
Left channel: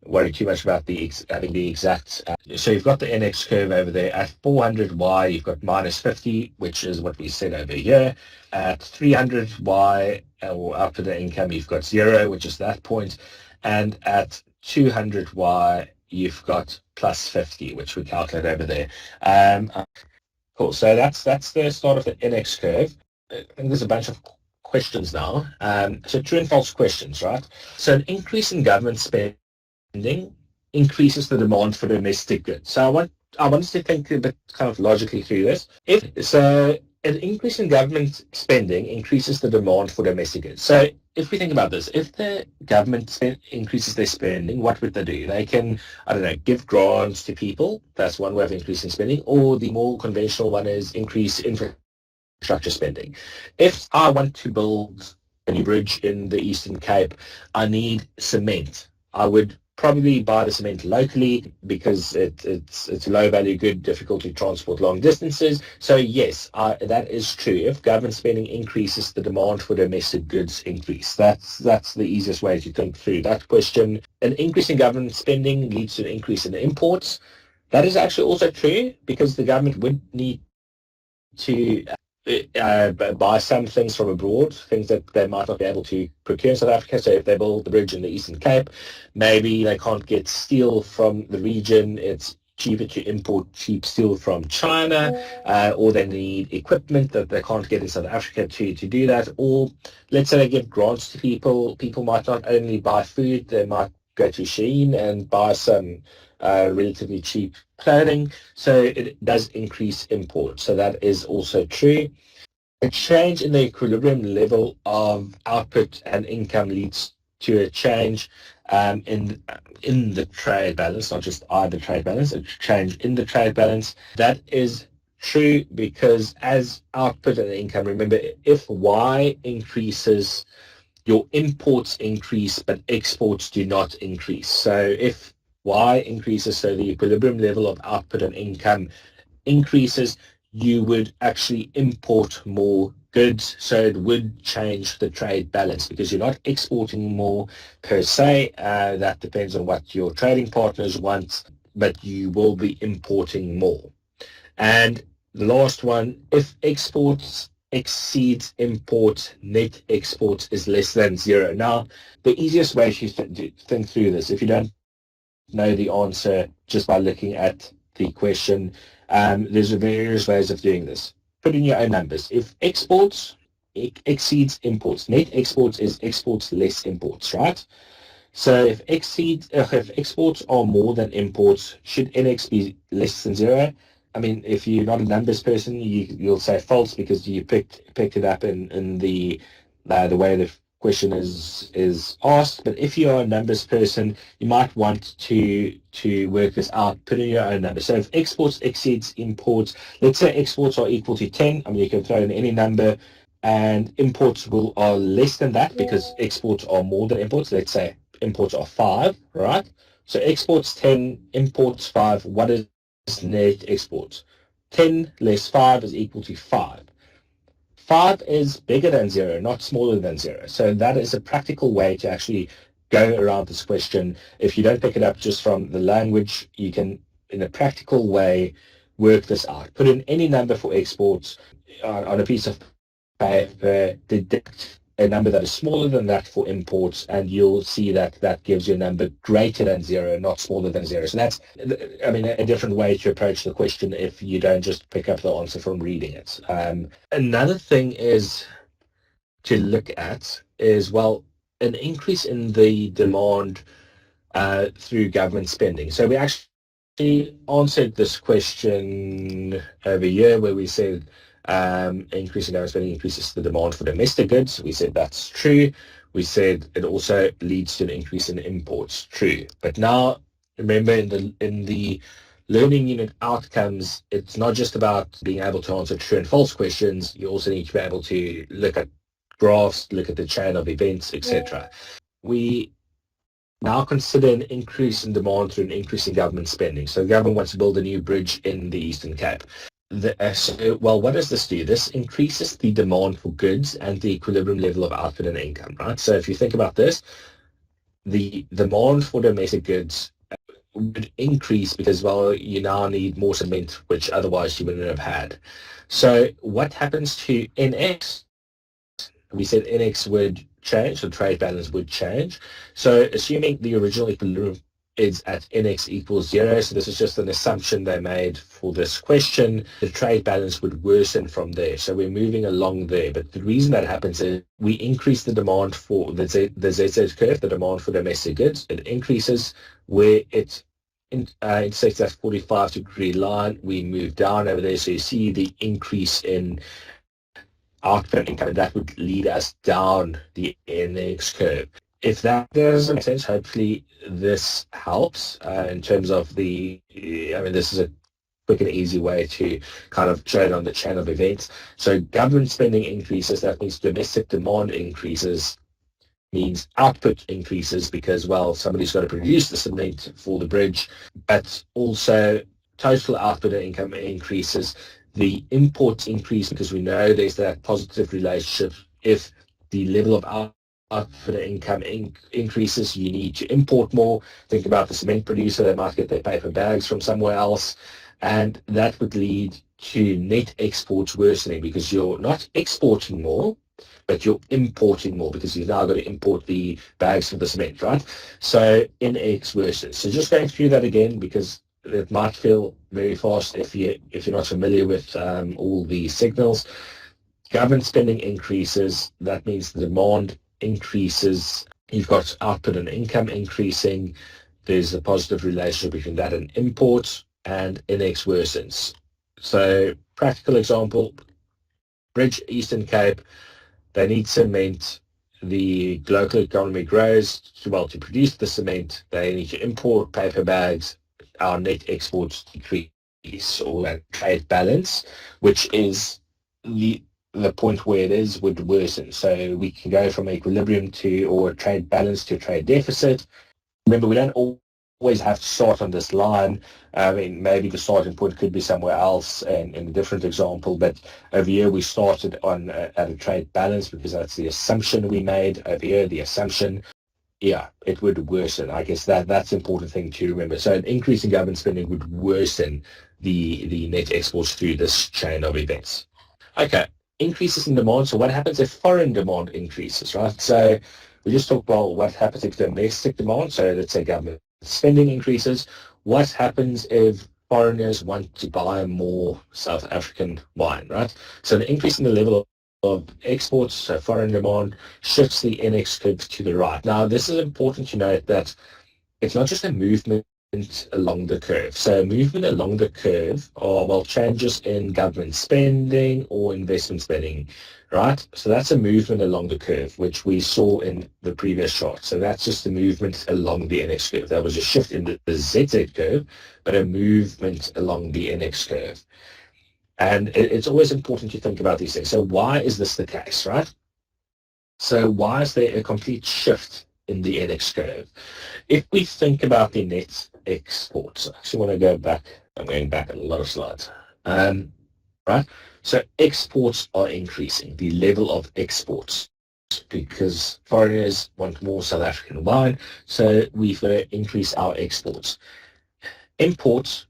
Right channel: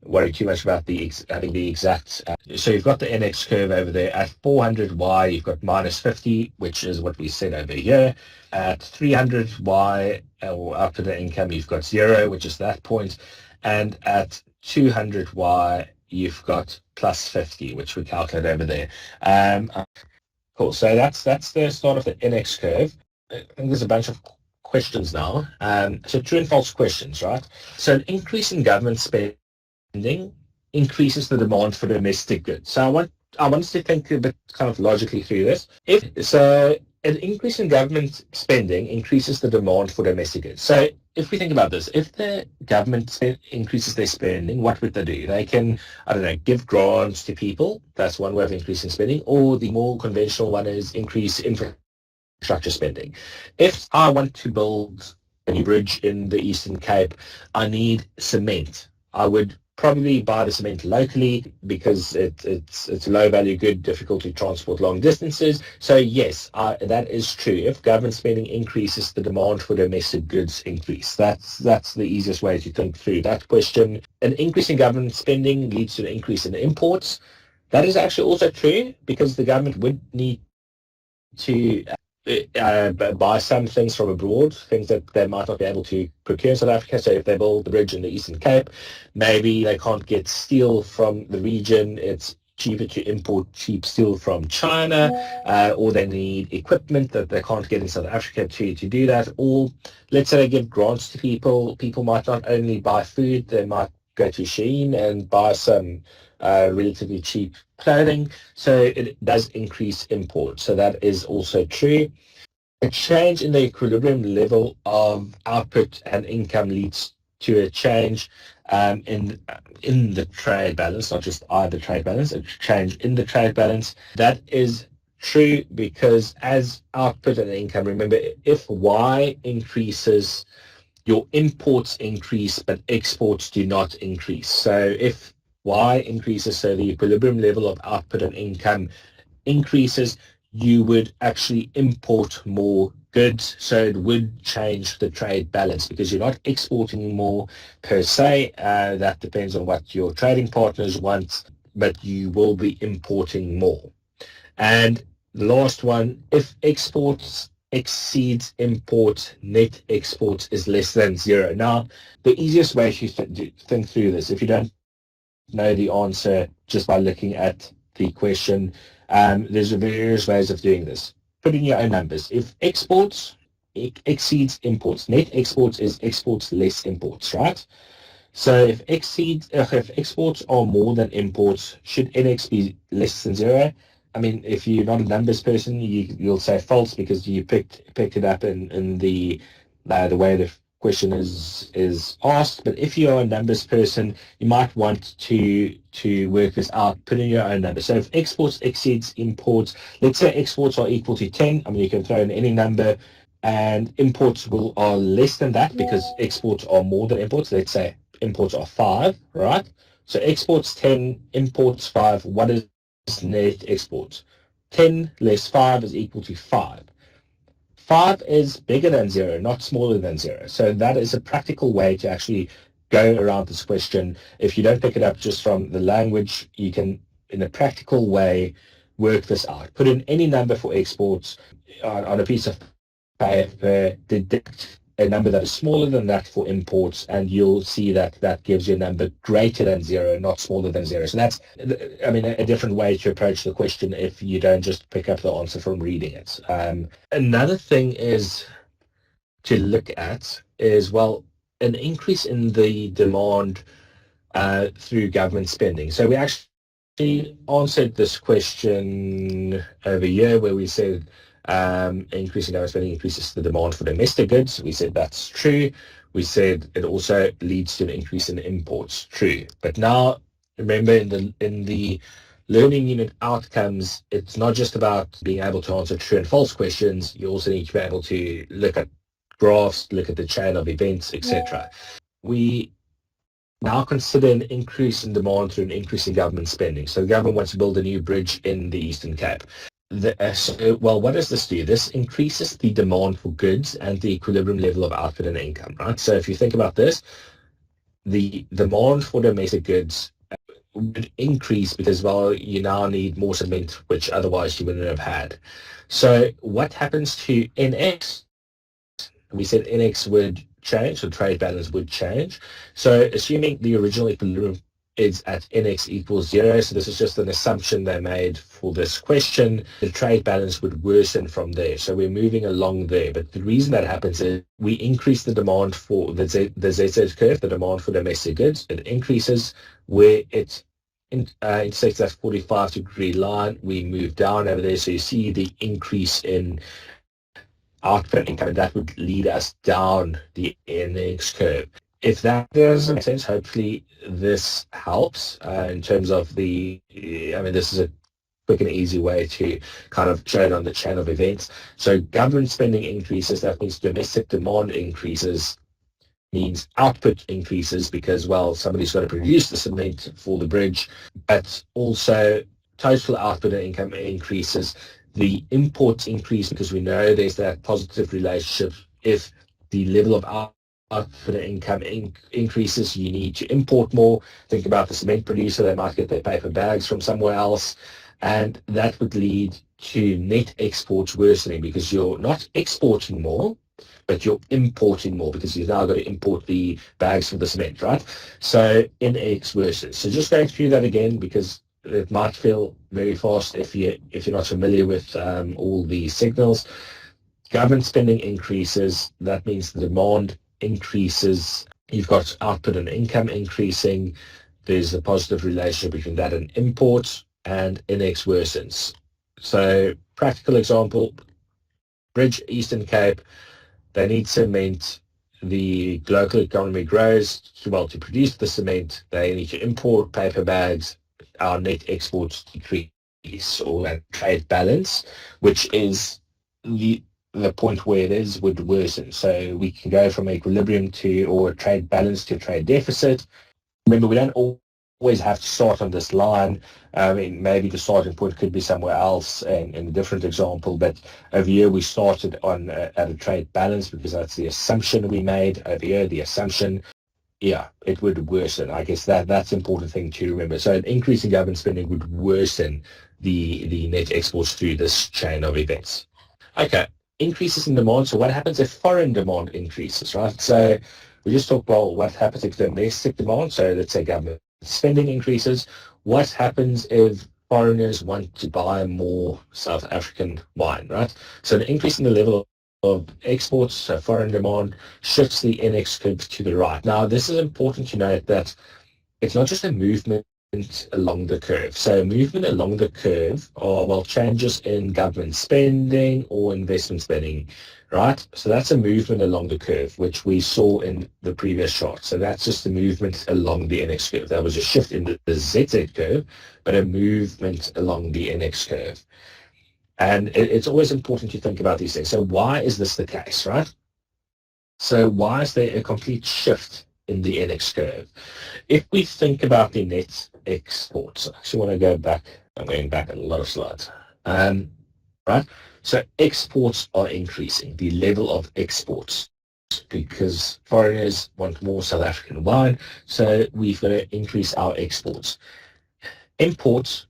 worry too much about having the exact. So you've got the NX curve over there. At 400Y, you've got minus 50, which is what we said over here. At 300Y, or output and income, you've got 0, which is that point. And at 200Y, you've got plus 50, which we calculate over there. Cool. So that's the start of the NX curve. I think there's a bunch of questions now. So true and false questions, right? So an increase in government spending increases the demand for domestic goods. So I want us to think a bit kind of logically through this. An increase in government spending increases the demand for domestic goods. So if we think about this, if the government increases their spending, what would they do? They can, I don't know, give grants to people. That's one way of increasing spending. Or the more conventional one is increase infrastructure spending. If I want to build a new bridge in the Eastern Cape, I need cement. I would probably buy the cement locally because it's a low value good, difficult to transport long distances. So yes, that is true. If government spending increases, the demand for domestic goods increase. That's the easiest way to think through that question. An increase in government spending leads to an increase in imports. That is actually also true because the government would need to buy some things from abroad, things that they might not be able to procure in South Africa. So if they build the bridge in the Eastern Cape, maybe they can't get steel from the region. It's cheaper to import cheap steel from China, or they need equipment that they can't get in South Africa to do that. Or let's say they give grants to people. People might not only buy food, they might go to Shein and buy some relatively cheap clothing, so it does increase imports. So that is also true. A change in the equilibrium level of output and income leads to a change in the trade balance, not just either trade balance, a change in the trade balance. That is true because as output and income, remember, if Y increases, your imports increase, but exports do not increase. So if Y increases, so the equilibrium level of output and income increases, you would actually import more goods. So it would change the trade balance because you're not exporting more per se. That depends on what your trading partners want, but you will be importing more. And the last one, if exports exceeds imports, net exports is less than 0. Now, the easiest way to think through this, if you don't know the answer just by looking at the question, there's various ways of doing this. Put in your own numbers. If exports exceeds imports, net exports is exports less imports, right? So if exports are more than imports, should NX be less than 0? I mean, if you're not a numbers person, you'll say false because you picked it up in the way the question is asked. But if you're a numbers person, you might want to work this out, put in your own numbers. So if exports exceeds imports, let's say exports are equal to 10. I mean, you can throw in any number, and imports are less than that because exports are more than imports. Let's say imports are 5, right? So exports 10, imports 5. What is net exports? 10 less 5 is equal to 5. 5 is bigger than 0, not smaller than 0. So that is a practical way to actually go around this question. If you don't pick it up just from the language, you can, in a practical way, work this out. Put in any number for exports on a piece of paper, deduct a number that is smaller than that for imports, and you'll see that that gives you a number greater than 0, not smaller than 0. So that's, I mean, a different way to approach the question if you don't just pick up the answer from reading it. Another thing is to look at is, well, an increase in the demand through government spending. So we actually answered this question over here where we said increasing government spending increases the demand for domestic goods. We said that's true. We said it also leads to an increase in imports. True. But now, remember, in the learning unit outcomes, it's not just about being able to answer true and false questions. You also need to be able to look at graphs, look at the chain of events, etc. We now consider an increase in demand through an increase in government spending. So the government wants to build a new bridge in the Eastern Cape. Well, what does this do? This increases the demand for goods and the equilibrium level of output and income, right? So if you think about this, the demand for domestic goods would increase because, well, you now need more cement, which otherwise you wouldn't have had. So what happens to NX? We said NX would change, so trade balance would change. So assuming the original equilibrium is at NX equals 0, so this is just an assumption they made for this question, the trade balance would worsen from there. So we're moving along there. But the reason that happens is we increase the demand for the ZZ curve, the demand for domestic goods. It increases where it intersects that 45-degree line. We move down over there. So you see the increase in output income, and that would lead us down the NX curve. If that doesn't make sense, hopefully this helps in terms of the, I mean, this is a quick and easy way to kind of show it on the chain of events. So government spending increases, that means domestic demand increases, means output increases because, well, somebody's got to produce the cement for the bridge, but also total output and income increases. The imports increase because we know there's that positive relationship. If the level of output and income increases, you need to import more. Think about the cement producer, they might get their paper bags from somewhere else, and that would lead to net exports worsening because you're not exporting more, but you're importing more because you've now got to import the bags for the cement, right? So NX worsens. So just going through that again because it might feel very fast if you're not familiar with all the signals. Government spending increases, that means the demand increases. You've got output and income increasing. There's a positive relationship between that and imports, and NX worsens. So practical example, Bridge Eastern Cape, they need cement. The local economy grows. Well, to produce the cement, they need to import paper bags. Our net exports decrease, or that trade balance, which is the point where it is, would worsen. So we can go from equilibrium to, or trade balance to trade deficit. Remember, we don't always have to start on this line. I mean, maybe the starting point could be somewhere else in a different example, but over here we started on at a trade balance because that's the assumption we made. Over here, the assumption, yeah, it would worsen. I guess that's an important thing to remember. So an increase in government spending would worsen the net exports through this chain of events. Okay, increases in demand. So what happens if foreign demand increases, right? So we just talked about what happens if domestic demand, so let's say government spending increases. What happens if foreigners want to buy more South African wine, right? So the increase in the level of exports, so foreign demand, shifts the NX curve to the right. Now, this is important to note that it's not just a movement along the curve. So movement along the curve are, well, changes in government spending or investment spending, right? So that's a movement along the curve, which we saw in the previous chart. So that's just a movement along the NX curve. That was a shift in the ZZ curve, but a movement along the NX curve. And it's always important to think about these things. So why is this the case, right? So why is there a complete shift in the NX curve. If we think about the net exports, I actually want to go back. I'm going back a lot of slides. Right? So exports are increasing, the level of exports, because foreigners want more South African wine, so we've got to increase our exports. Imports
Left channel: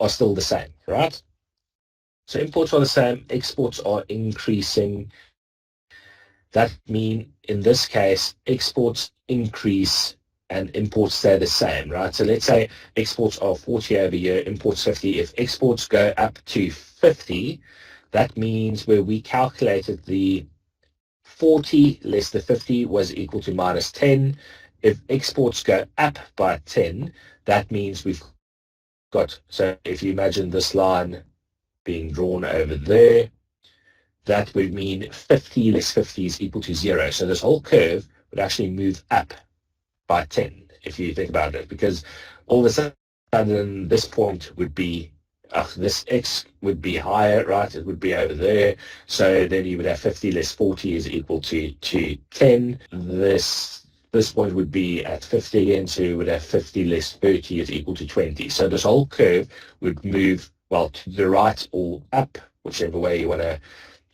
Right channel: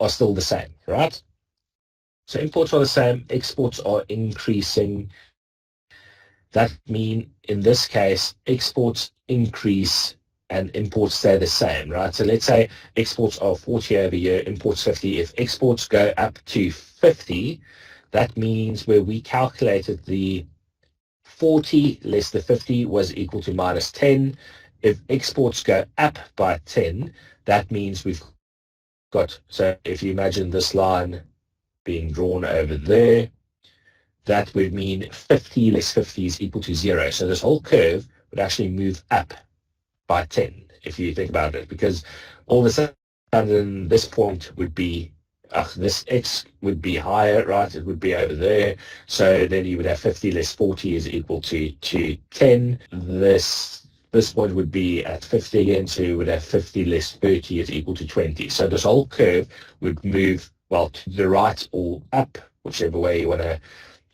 are still the same, right? So imports are the same, exports are increasing. That means, in this case, exports increase and imports stay the same, right? So let's say exports are 40 over year, imports 50. If exports go up to 50, that means where we calculated the 40 less the 50 was equal to minus 10. If exports go up by 10, that means we've got, so if you imagine this line being drawn over there, that would mean 50 less 50 is equal to 0. So this whole curve would actually move up by 10, if you think about it, because all of a sudden this point would be, this x would be higher, right? It would be over there. So then you would have 50 less 40 is equal to 10. This point would be at 50 again, so you would have 50 less 30 is equal to 20. So this whole curve would move, well, to the right or up, whichever way you want to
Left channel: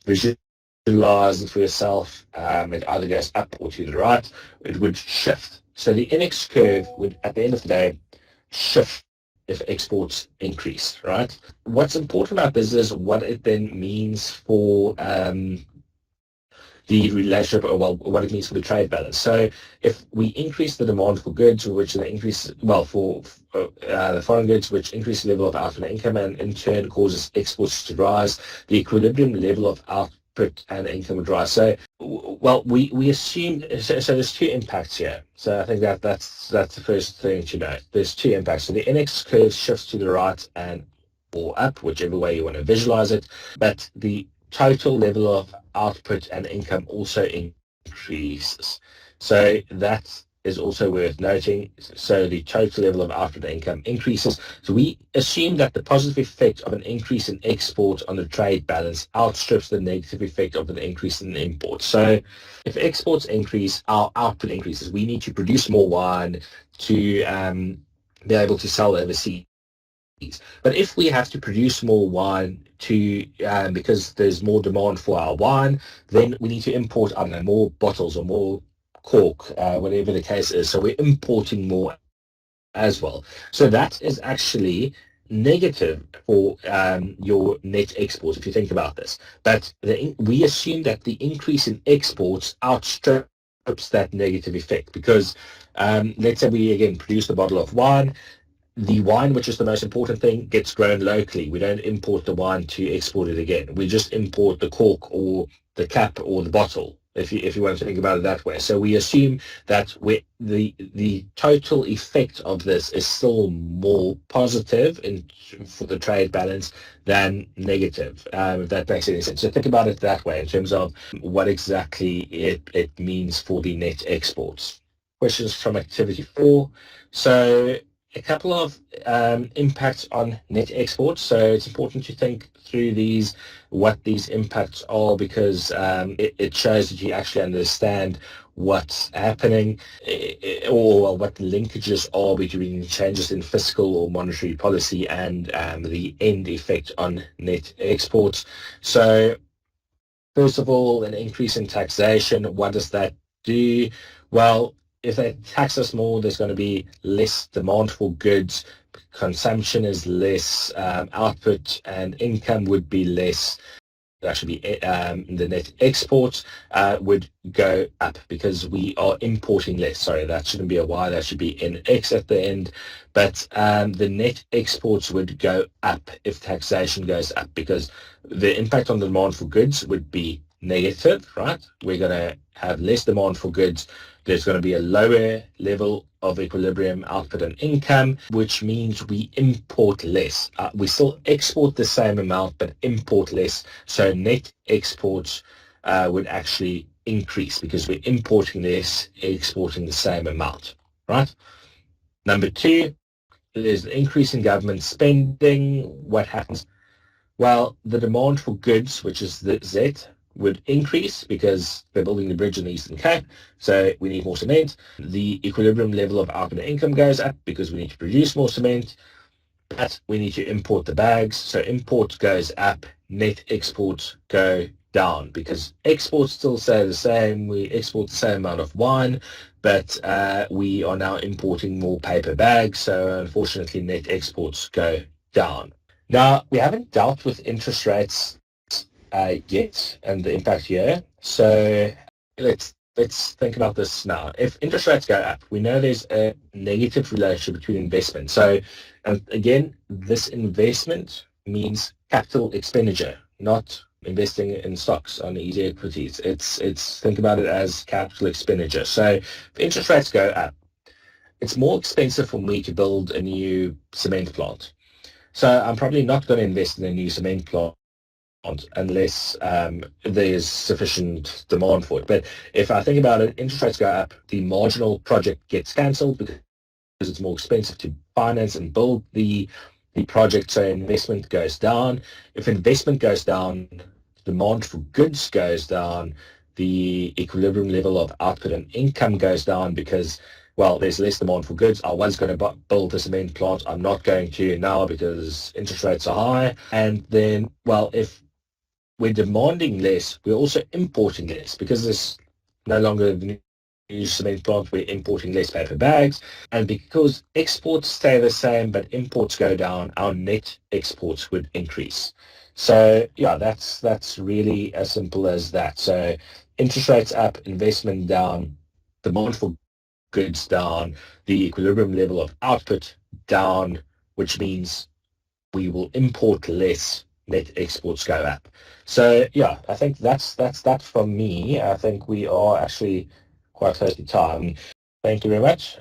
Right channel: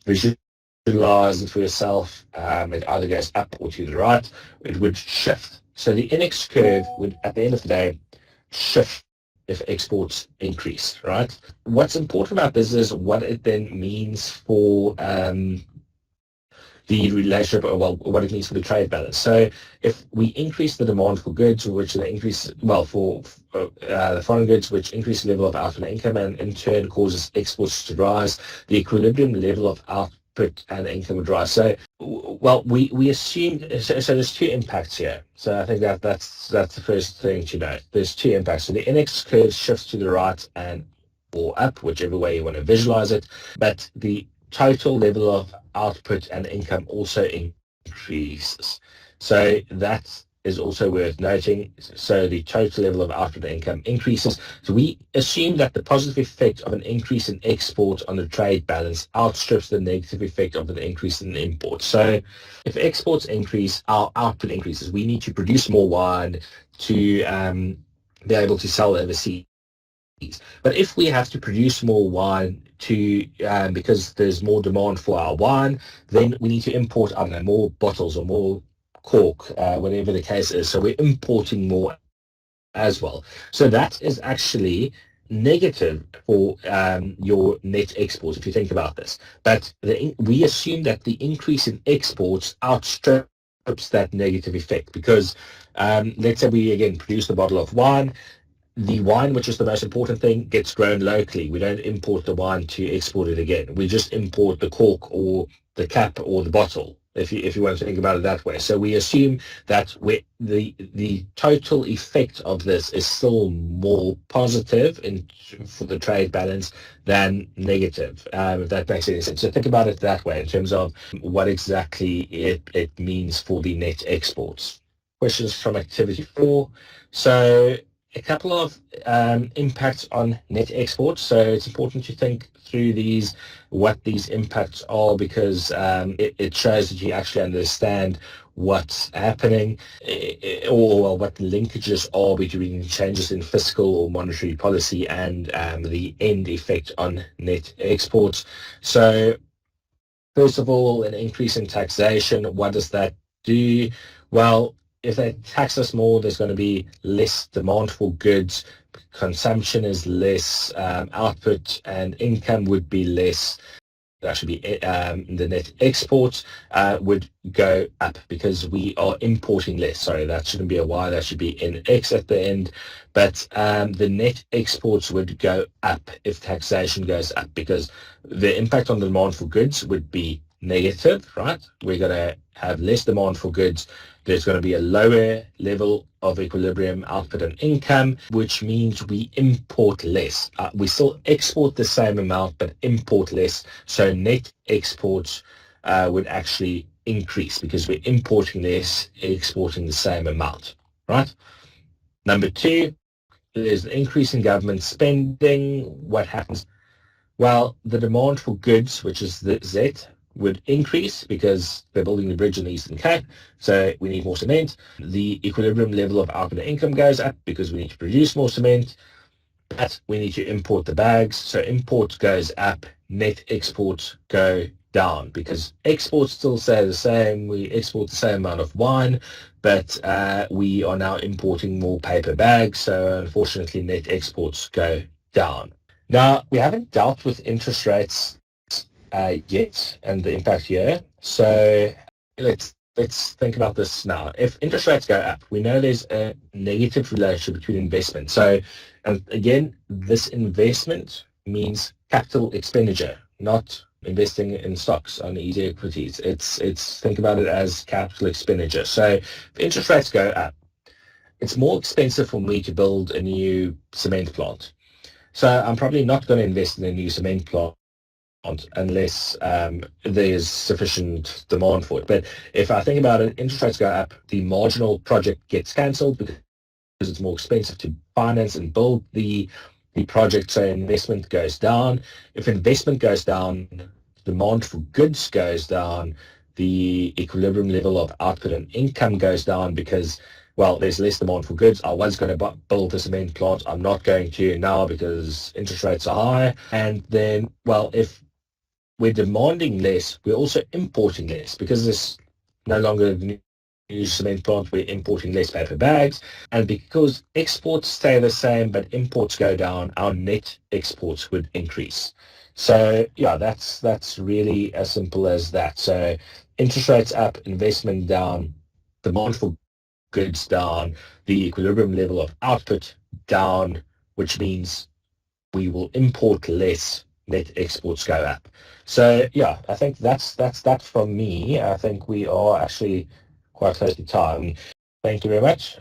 visualize it for yourself. It either goes up or to the right. It would shift. So the NX curve would, at the end of the day, shift if exports increase, right? What's important about this is what it then means for the relationship, or well, what it means for the trade balance. So if we increase the demand for goods, which the increase, well, for the foreign goods, which increase the level of output and income, and in turn causes exports to rise, the equilibrium level of output and income would rise. So, well, we assume, so there's two impacts here. So I think that's the first thing to know. There's two impacts. So the NX curve shifts to the right and or up, whichever way you want to visualize it, but the total level of output and income also increases. So that is also worth noting. So the total level of output and income increases. So we assume that the positive effect of an increase in export on the trade balance outstrips the negative effect of an increase in imports. So if exports increase, our output increases. We need to produce more wine to be able to sell overseas. But if we have to produce more wine to because there's more demand for our wine, then we need to import, I don't know, more bottles or more cork, whatever the case is. So we're importing more as well. So that is actually negative for your net exports, if you think about this. But we assume that the increase in exports outstrips that negative effect, because let's say we, again, produce a bottle of wine. The wine, which is the most important thing, gets grown locally. We don't import the wine to export it again. We just import the cork or the cap or the bottle, if you want to think about it that way. So we assume that the total effect of this is still more positive for the trade balance than negative, if that makes any sense. So think about it that way in terms of what exactly it means for the net exports. Questions from activity 4. So a couple of impacts on net exports. So it's important to think through what these impacts are, because it shows that you actually understand what's happening, or what the linkages are between changes in fiscal or monetary policy and the end effect on net exports. So first of all, an increase in taxation. What does that do? Well, if they tax us more, there's going to be less demand for goods, consumption is less, output and income would be less. Actually, the net exports would go up because we are importing less. Sorry, that shouldn't be a Y, that should be an X at the end. But the net exports would go up if taxation goes up, because the impact on the demand for goods would be negative, right? We're going to have less demand for goods. There's going to be a lower level of equilibrium output and income, which means we import less. We still export the same amount, but import less. So net exports would actually increase because we're importing less, exporting the same amount, right? Number 2, there's an increase in government spending. What happens? Well, the demand for goods, which is the Z, would increase because they're building the bridge in the Eastern Cape, so we need more cement. The equilibrium level of output and income goes up because we need to produce more cement, but we need to import the bags. So import goes up, net exports go down because exports still stay the same. We export the same amount of wine, but we are now importing more paper bags. So unfortunately, net exports go down. Now, we haven't dealt with interest rates yet and the impact here. So let's think about this now. If interest rates go up, we know there's a negative relationship between investment. So, and again, this investment means capital expenditure, not investing in stocks on easy equities. It's think about it as capital expenditure. So if interest rates go up, it's more expensive for me to build a new cement plant. So I'm probably not going to invest in a new cement plant unless there's sufficient demand for it. But if I think about it, interest rates go up, the marginal project gets cancelled because it's more expensive to finance and build the project, so investment goes down. If investment goes down, demand for goods goes down, the equilibrium level of output and income goes down because, well, there's less demand for goods. I was going to build a cement plant. I'm not going to now because interest rates are high. And then, well, if we're demanding less, we're also importing less because there's no longer the new cement plant, we're importing less paper bags. And because exports stay the same, but imports go down, our net exports would increase. So yeah, that's really as simple as that. So interest rates up, investment down, demand for goods down, the equilibrium level of output down, which means we will import less, net exports go up. So yeah, I think that's that from me. I think we are actually quite close to time. Thank you very much.